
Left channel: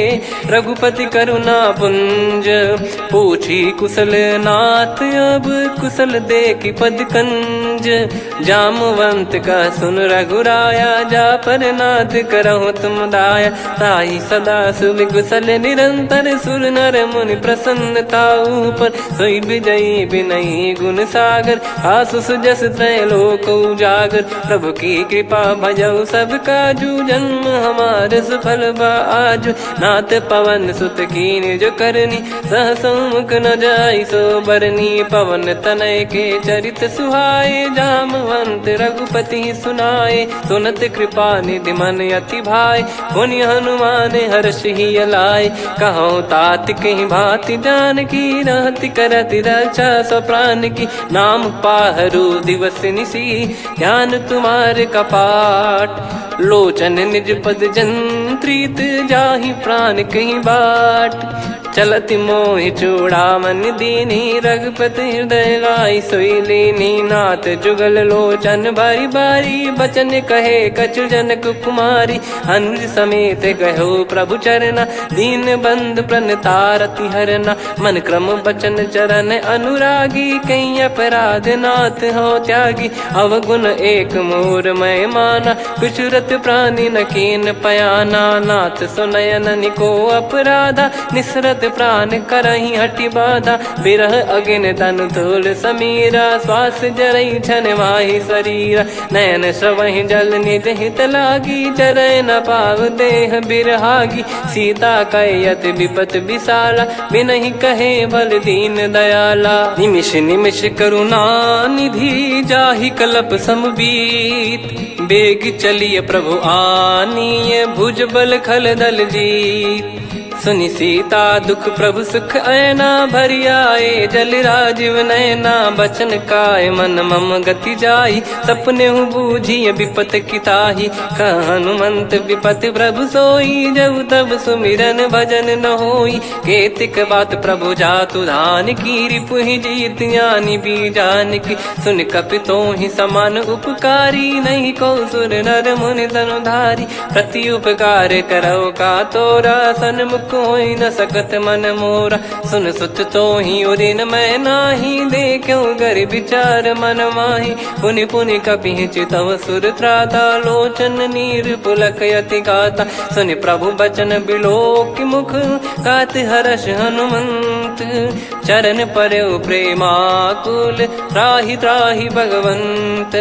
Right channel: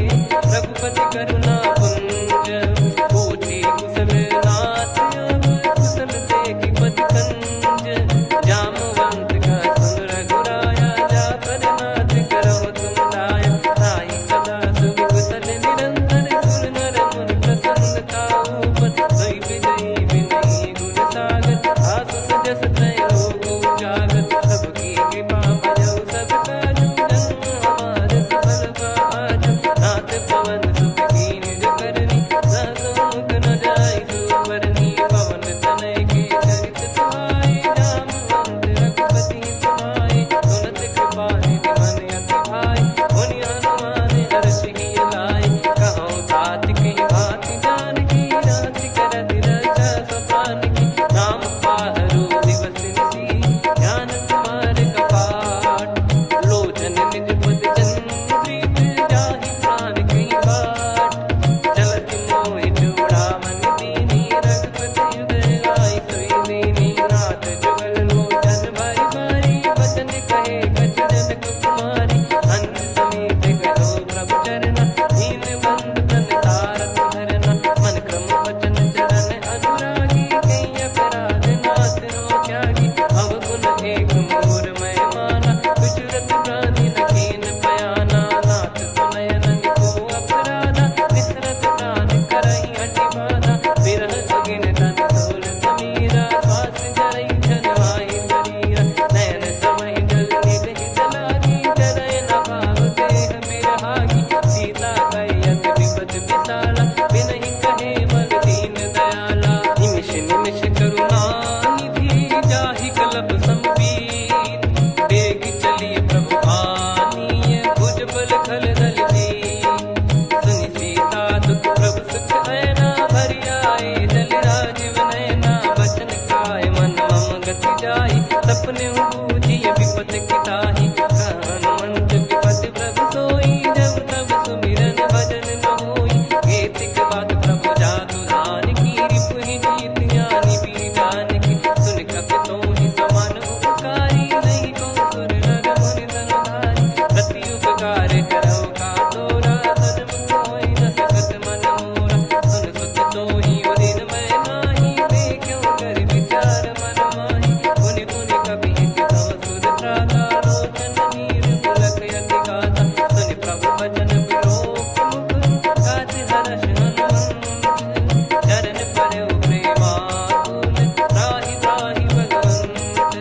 रघुपति करुणा पुंज पूछी कुशल नाथ अब कुशल देखी पद कंज जामवंत का सुन रघुराया जा पर नाथ करहु तुम दाया ताई सदा सुभि कुशल निरंतर सुर नर मुनि प्रसन्नता ऊपर सोई विजयी विनयी गुण सागर आसु सुजस त्रैलोक उजागर प्रभु की कृपा भजऊ सब काजू जन्म हमार सफल बाजू नाथ पवन सुत कीन जो करनी सहसो मुख न जाई सो बरनी पवन तनय के चरित सुहाए जामवंत रघुपति सुनाए सुनत कृपा निधि मन अति भाई पुनि हनुमान हर्ष ही लाए कहो तात कहीं भांति जान की रहति करति रक्षा सो प्राण की नाम पाहरू दिवस निसी ध्यान तुम्हारे कपाट लोचन निज पद जन प्रीत जाहि प्राण कहीं बाट। चलत मोहि चूड़ामन दीनी रघुपति हृदय लाई सोई लीनी। नाथ जुगल लोचन बारी बारी बचन कहे कछु जनक कुमारी। हंस समेत गहो प्रभु चरना दीन बंद प्रणतारति हरना। मन क्रम बचन चरण अनुरागी कहीं अपराध नाथ हो त्यागी। अवगुण एक मोर मैं माना विचुरत प्राणी न कीन पयाना। नाथ सुनयन निको अपराधा निसरत प्राण करही हटि बाधा। बिरह अगिन तन तोल समीरा श्वास जरई छन वाहि शरीरा। नयन सवहि जल निज हित लागी चरय न पाव देह बिरहागी। सीता कयत विपत विशाला बिनहि कहे बल दीन दयाला। निमिष निमिष करुणा निधि जाहि कलप समबीत। बेग चलिए प्रभु आनीय भुज बल खल दल जीत। सुनि सीता दुख प्रभु सुख ऐना भरि आए जल राजीव नैना। बचन काय मन मम गति जाई सपने बूझी विपत किताही। हनुमंत विपत प्रभु सोई जब तब सुमिरन भजन न होई। केतिक बात प्रभु जातु धान की रिपुहि जीत ज्ञानी बीजान की। सुन कपितो ही समान उपकारी नहीं को सुर नर मुनि तनुधारी। प्रति उपकार करो का तोरा सन्मुख कोई न सकत मन मोरा। सुन सुत तो ही उदिन मैं नाही देखो गर विचार मन माही। पुनि पुनि कपि चितव सुर त्राता लोचन नीर पुलक यति गाता। सुनि प्रभु बचन बिलोक मुख गात हर्ष हनुमंत। चरण परयो प्रेमाकुल त्राहि त्राहि भगवंत।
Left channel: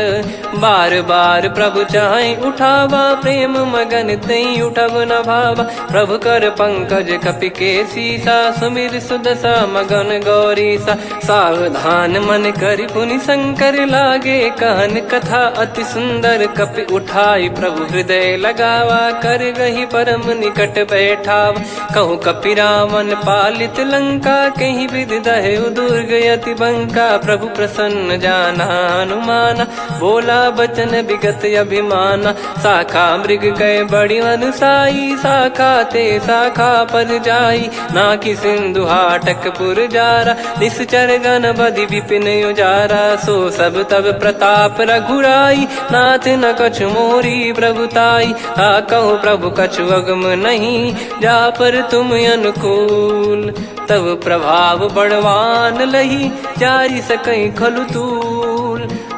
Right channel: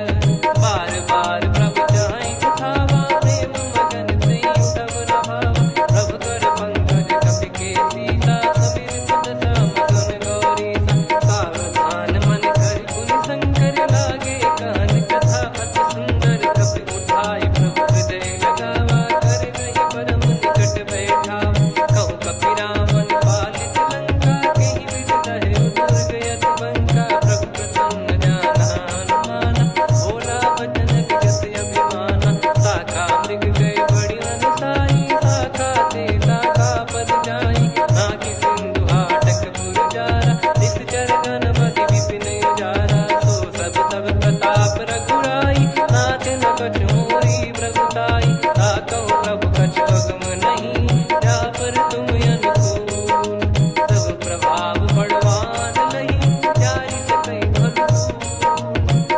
बार बार प्रभु चाहि उठावा प्रेम मगन तई उठब न भावा। प्रभु कर पंकज कपि के सीसा सुमिर सुदशा मगन गौरीसा। सावधान मन करि पुनि शंकर लागे कहन कथा अति सुंदर। कपि उठाई प्रभु हृदय लगावा कर गही परम निकट बैठावा। कहूँ कपि रावण पालित लंका कहीं विधि दहु दुर्ग यति बंका। प्रभु प्रसन्न जाना हनुमाना बोला बचन विगत अभिमाना। शाखा मृग गए बड़ी अनुसाई शाखा ते शाखा पर जाई। ना कि सिंधु हाटक पुर जारा निश्चर गण बदि विपिन उजारा। सो सब तब प्रताप रघुराई नाथ न कछु मोरी प्रभुताई। कहूँ प्रभु कछु अगम नहीं जा पर तुम अनुकूल। तब प्रभाव बड़वान लही जारी सकई खलु तूल।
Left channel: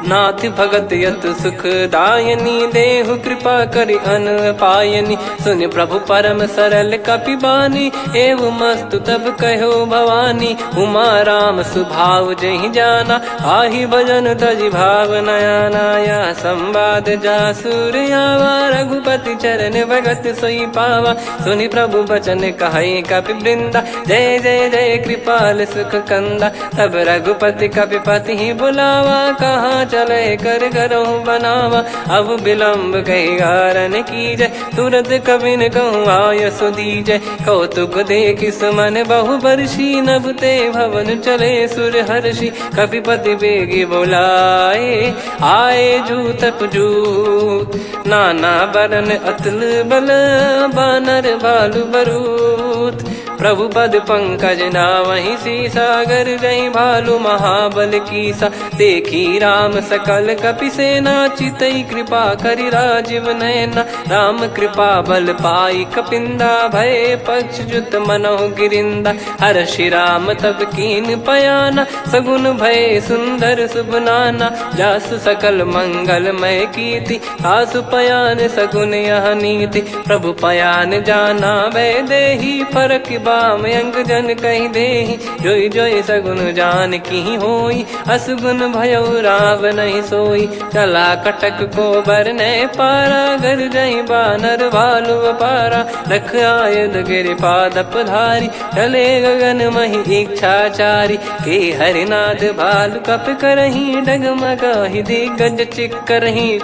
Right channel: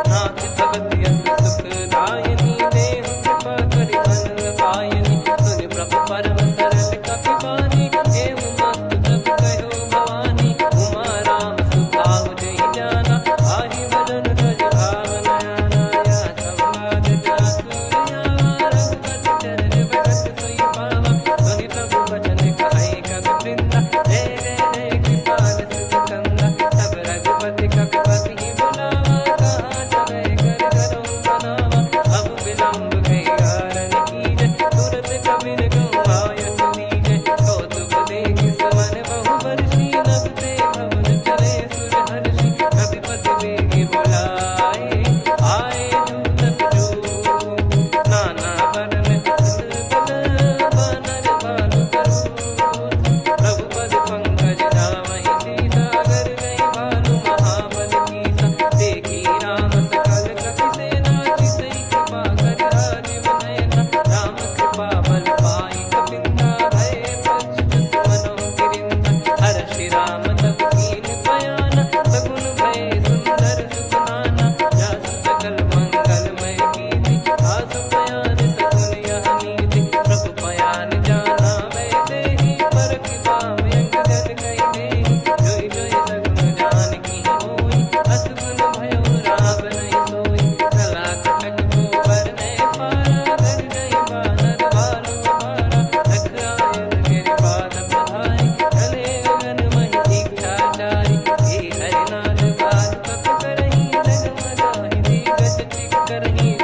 नाथ भगत यत सुख दायनी देहु कृपा करि अन पायनी। सुन प्रभु परम सरल कपि बानी एवं मस्तु तब कहो भवानी। उमा राम सुभाव जहि जाना आहि भजन तजि भाव नयाना। या संवाद जासुर आवा रघुपति चरण भगत सोई पावा। सुनि प्रभु बचन कहै कपि वृंदा जय जय जय कृपाल सुख कंदा। तब रघुपति कपि पति बुलावा कहाँ चले कर करहु बनावा। अब विलम्ब कही कारण कीजय तुरत कबिन कहूँ आयस दीजय। कौतुक देख सुमन बहु बरसी नभ ते भवन चले सुर हर्षि। कपिपति बेगी बोलाए आए जूतक जूत। नाना बरन अतुल बल बानर बालु बरूत। प्रभु पद पंकज नावहि सीसागर गई भालु महाबल कीसा। देखी राम सकल कपि सेना चितई कृपा करि राजीव नयना। राम कृपा बल पाई कपिंदा भय पक्ष जुत मनो गिरिंदा। हर्षि राम तब कीन पयाना सगुन भय सुंदर शुभ नाना। जासु सकल मंगलमय कीर्ति आसु पयान सगुन यह नीति। प्रभु पयान जाना वै देहि फरक बाम अंग जन कहीं देहि। जोई जोई सगुन जान की होई असगुन भयो राव नहीं सोई। चला कटक को बरने पारा घर जई बानर भालु पारा। रख आयद गिरि पाद पधारी चले गगन मही इच्छाचारी। के हरिनाथ भालु कप करही डगमगाहि दिग्गज चिक्करही।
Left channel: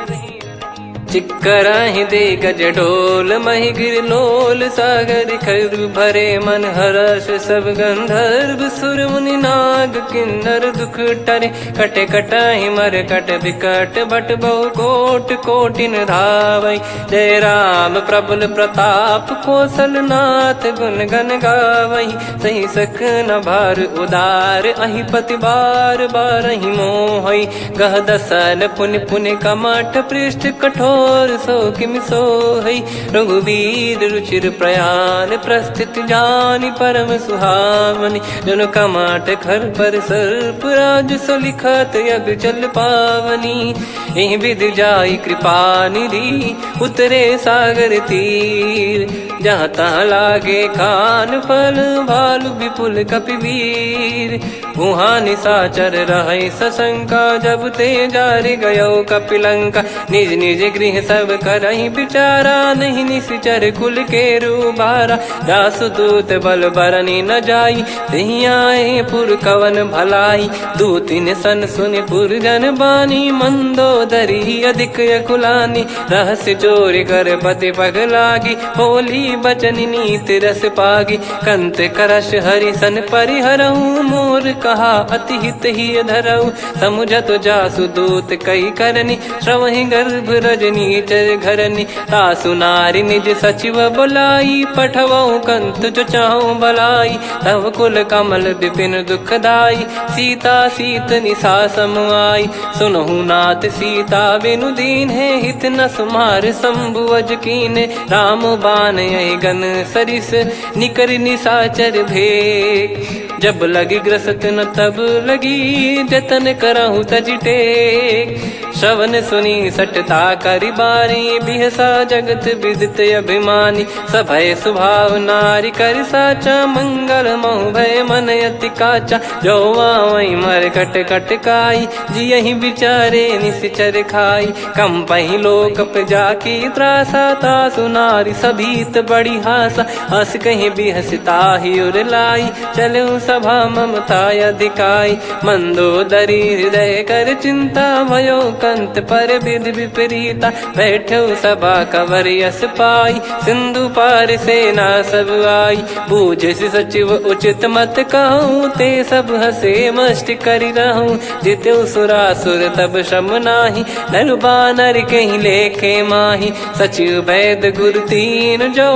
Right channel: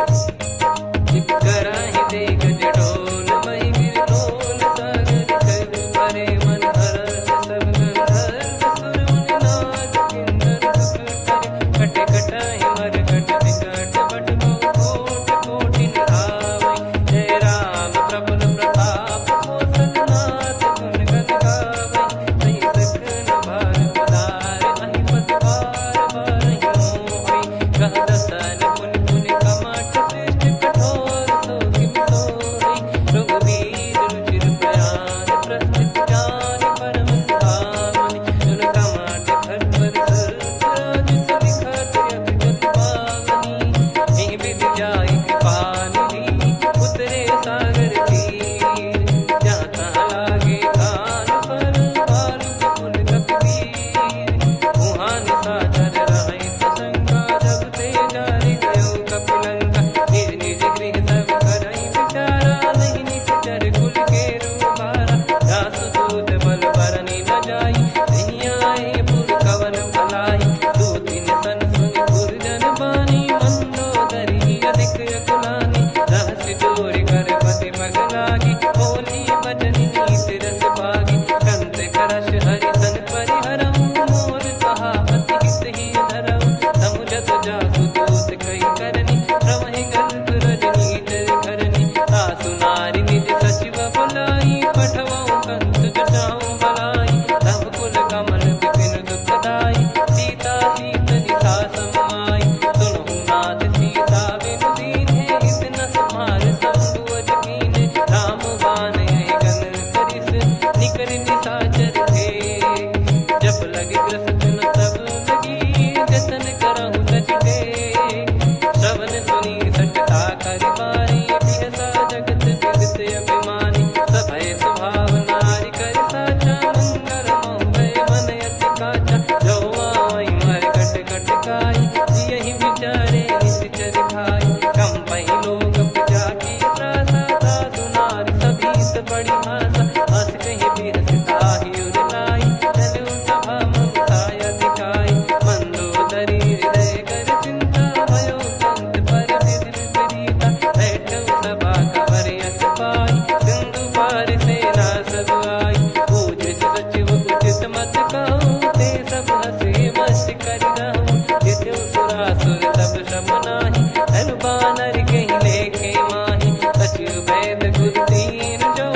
चिक्कराहि दे गज डोल महि गिर लोल सागर खर भरे मन हर्ष सब गंधर्व सुर मुनि नार। नाग किन्नर दुख टरे, कटे कटहि मर कट विकट बट बहु कोट कोटिन धावै। जय राम प्रबल प्रताप कौशलनाथ गुण गण गावै। सही सकन भार उदार अहि पति बार बारहि मोहै। गह दसन पुन पुन कमठ पृष्ठ कठोर सो किमि सोहै। रघुवीर रुचिर प्रयाण प्रस्थित जानि परम सुहावनि। जन कमठ खर पर सर्प राज सलिखत यग जल पावनी। एहि विधि जाई कृपा निधि उतरे सागर तीर। जहाँ तहाँ लागे खान फल भालु विपुल कपिवीर। वहाँ निशाचर रहै सशंका जब ते जारि गयो कपिलंका। निज निज गृह सब करहि विचारा नहीं निश्चर कुल के रूबारा। जासु दूत बल बरनि न जाई तेहि आए पुर कवन भलाई। दूतिन सन सुनि पुर जन बानी मंदोदरी अधिक यकुलानी। रहस्य चोरी कर पति पगलागी होली बचन नीति रस पागी। कंत करश हरिसन परिहरहु मोर कहा अति हित ही धरऊ। समुझत जासु दूत कई करनी श्रवहि गर्भ रजनी चर घरनी। तासु नारी निज सचिव बुलाई पठवऊ कंत जो चाहूं बलाई। तव कुल कमल विपिन दुखदाई सीता सीत निशा समाई। सुनहु नाथ सीता बिनु दीन है हित न सुमार शंभु अज कीने। राम बाण गन सरिस निकर निशाचर भेग। जब लगी ग्रसत न तब लगी जतन करहु तज टेक। श्रवण सुनी सटता करि बारी बिहसा जगत विदित अभिमानी। सभय स्वभाव नारी कर साचा मंगल मऊ भय मन अति काचा। जो आवै मर कट कट काई जियहि विचारे निश्चर खाई। कम पहि लोक जाकी त्रासा तासु नारी सभीत बड़ी हासा। हस कहीं बिहसता ही उर लाई चलऊ सभा ममता अधिकाई। मंदोदरी हृदय कर चिंता भयो कंत पर विधि विपरीता। बैठो सभा कवर यस पाई सिंधु पार सेना सब आई। पूज्य सचिव उचित मत कहूँ ते सब हसे मष्ट करि रहूँ। जित्यु सुरासुर तब श्रम नाही नर बानर कहीं लेखे माही। सचिव वैद गुरु तीन जो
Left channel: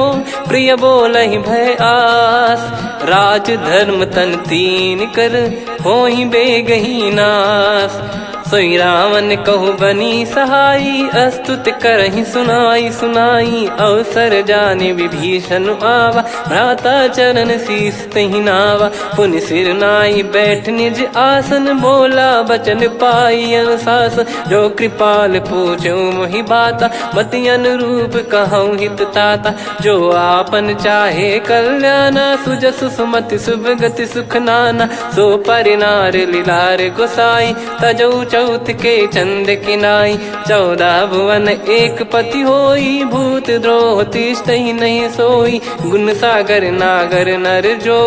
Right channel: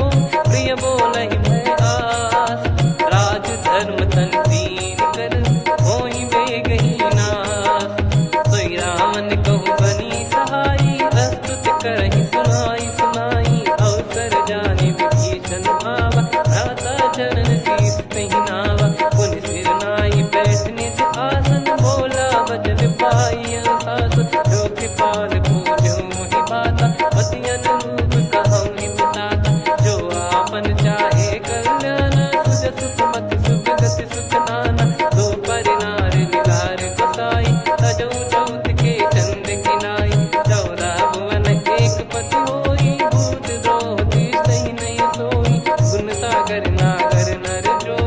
प्रिय बोलहि भय आस। राज धर्म तन तीन कर होई बेगही नास। सोई रावण कहु बनी सहाई अस्तुत करहि सुनाई सुनाई। अवसर जाने विभीषण आवा भ्राता चरण शीस तहि नावा। पुनि सिर नाई बैठ निज आसन बोला बचन पाई अनुशासन। जो कृपाल पूछो मोहि बाता मति अनुरूप कहूँ हित ताता। जो आपन चाहे कल्याणा सुजसु सुमति सुभगति सुख नाना। सो परिनार लीलार गोसाई तजौ चौथ के चंद किनाई। 14 भुवन एक पति होई भूत द्रोह तिष्ठहि नहीं सोई। गुण सागर नागर नर जो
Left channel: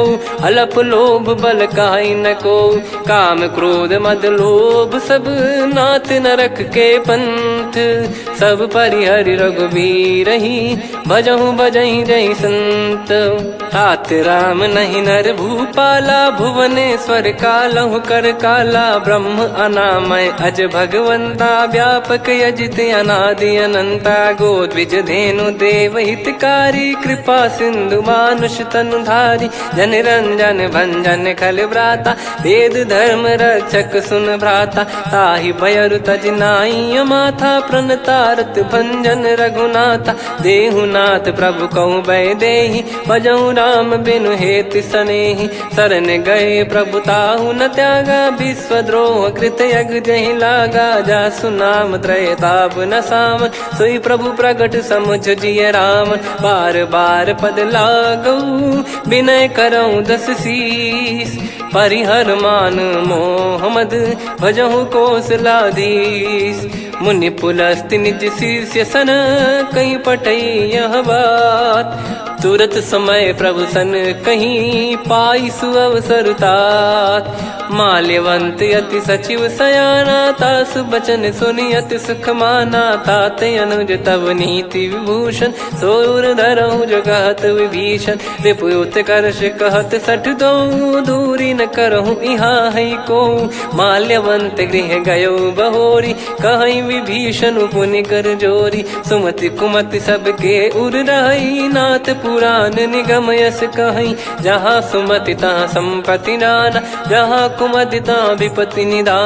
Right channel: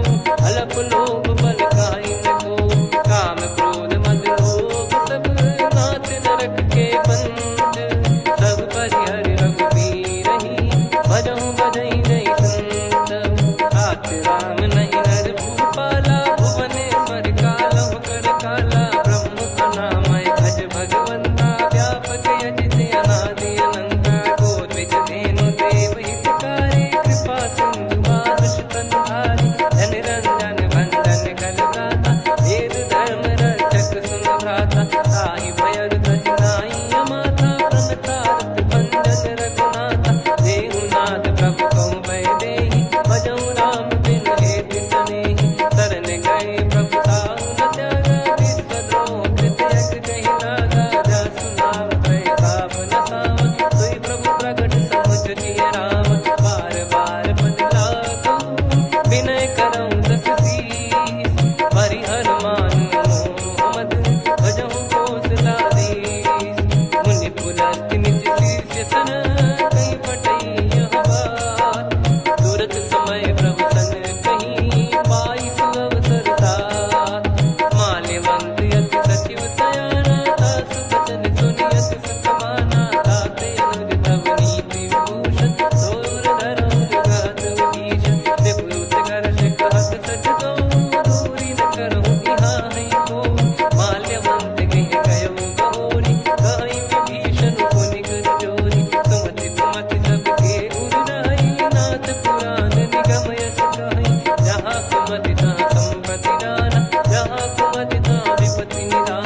अलप लोभ बल काई न को। काम क्रोध मद लोभ सब नाथ नरक के पंथ। सब परिहरि रघुबीर ही भजहु भजहि जय संत। तात राम नहीं नर भूपाला भुवनेश्वर कालहु कर काला। ब्रह्म अनामय अज भगवंता व्यापक यजित अनादि अनंता। गोद्विज धेनु देव हितकारी कृपा सिंधु मानुष तनुधारी। जन रंजन भंजन खल भ्राता वेद धर्म रक्षक सुन भ्राता। ताहि भयरु तज नाई माथा प्रणतारत भंजन रघुनाथा। देहुनाथ प्रभु कहु भय देहि भजहु राम बिनु हेतु सनेहि। शरण गए प्रभु ताहु न त्यागा विश्वद्रोह कृत यज्ञ जहि लागा। जासु नाम त्रय ताप न सावन सोई प्रभु प्रगट समुझ जिय राम। बार बार पद लागऊ विनय करऊँ 10 शीस। परिहर मान मोह मद भजहु कौशलाधीश। मुनि पुलस्त्य निज शिष्य सन कहीं पठई यह बात। तुरत समय प्रभु सन कहीं पाई सुअवसर तात। माल्यवंत अति सचिव सयाना, तासु बचन सुनि अति सुख माना। ताते अनुज तब नीति विभूषण, सोर धरहु जगत विभीषण। विपुत करश कहत सठ दो, दूरी न करहु इहाँ है को। माल्यवंत गृह गयो बहोरी, कहीं विभीषण पुनि कर जोरी। सुमति कुमति सबके उर रही, नाथ पुराण निगम यस कहीं। जहाँ सुमति तहाँ संपत्ति नाना, जहाँ कुमति तहाँ विपत्ति निदान।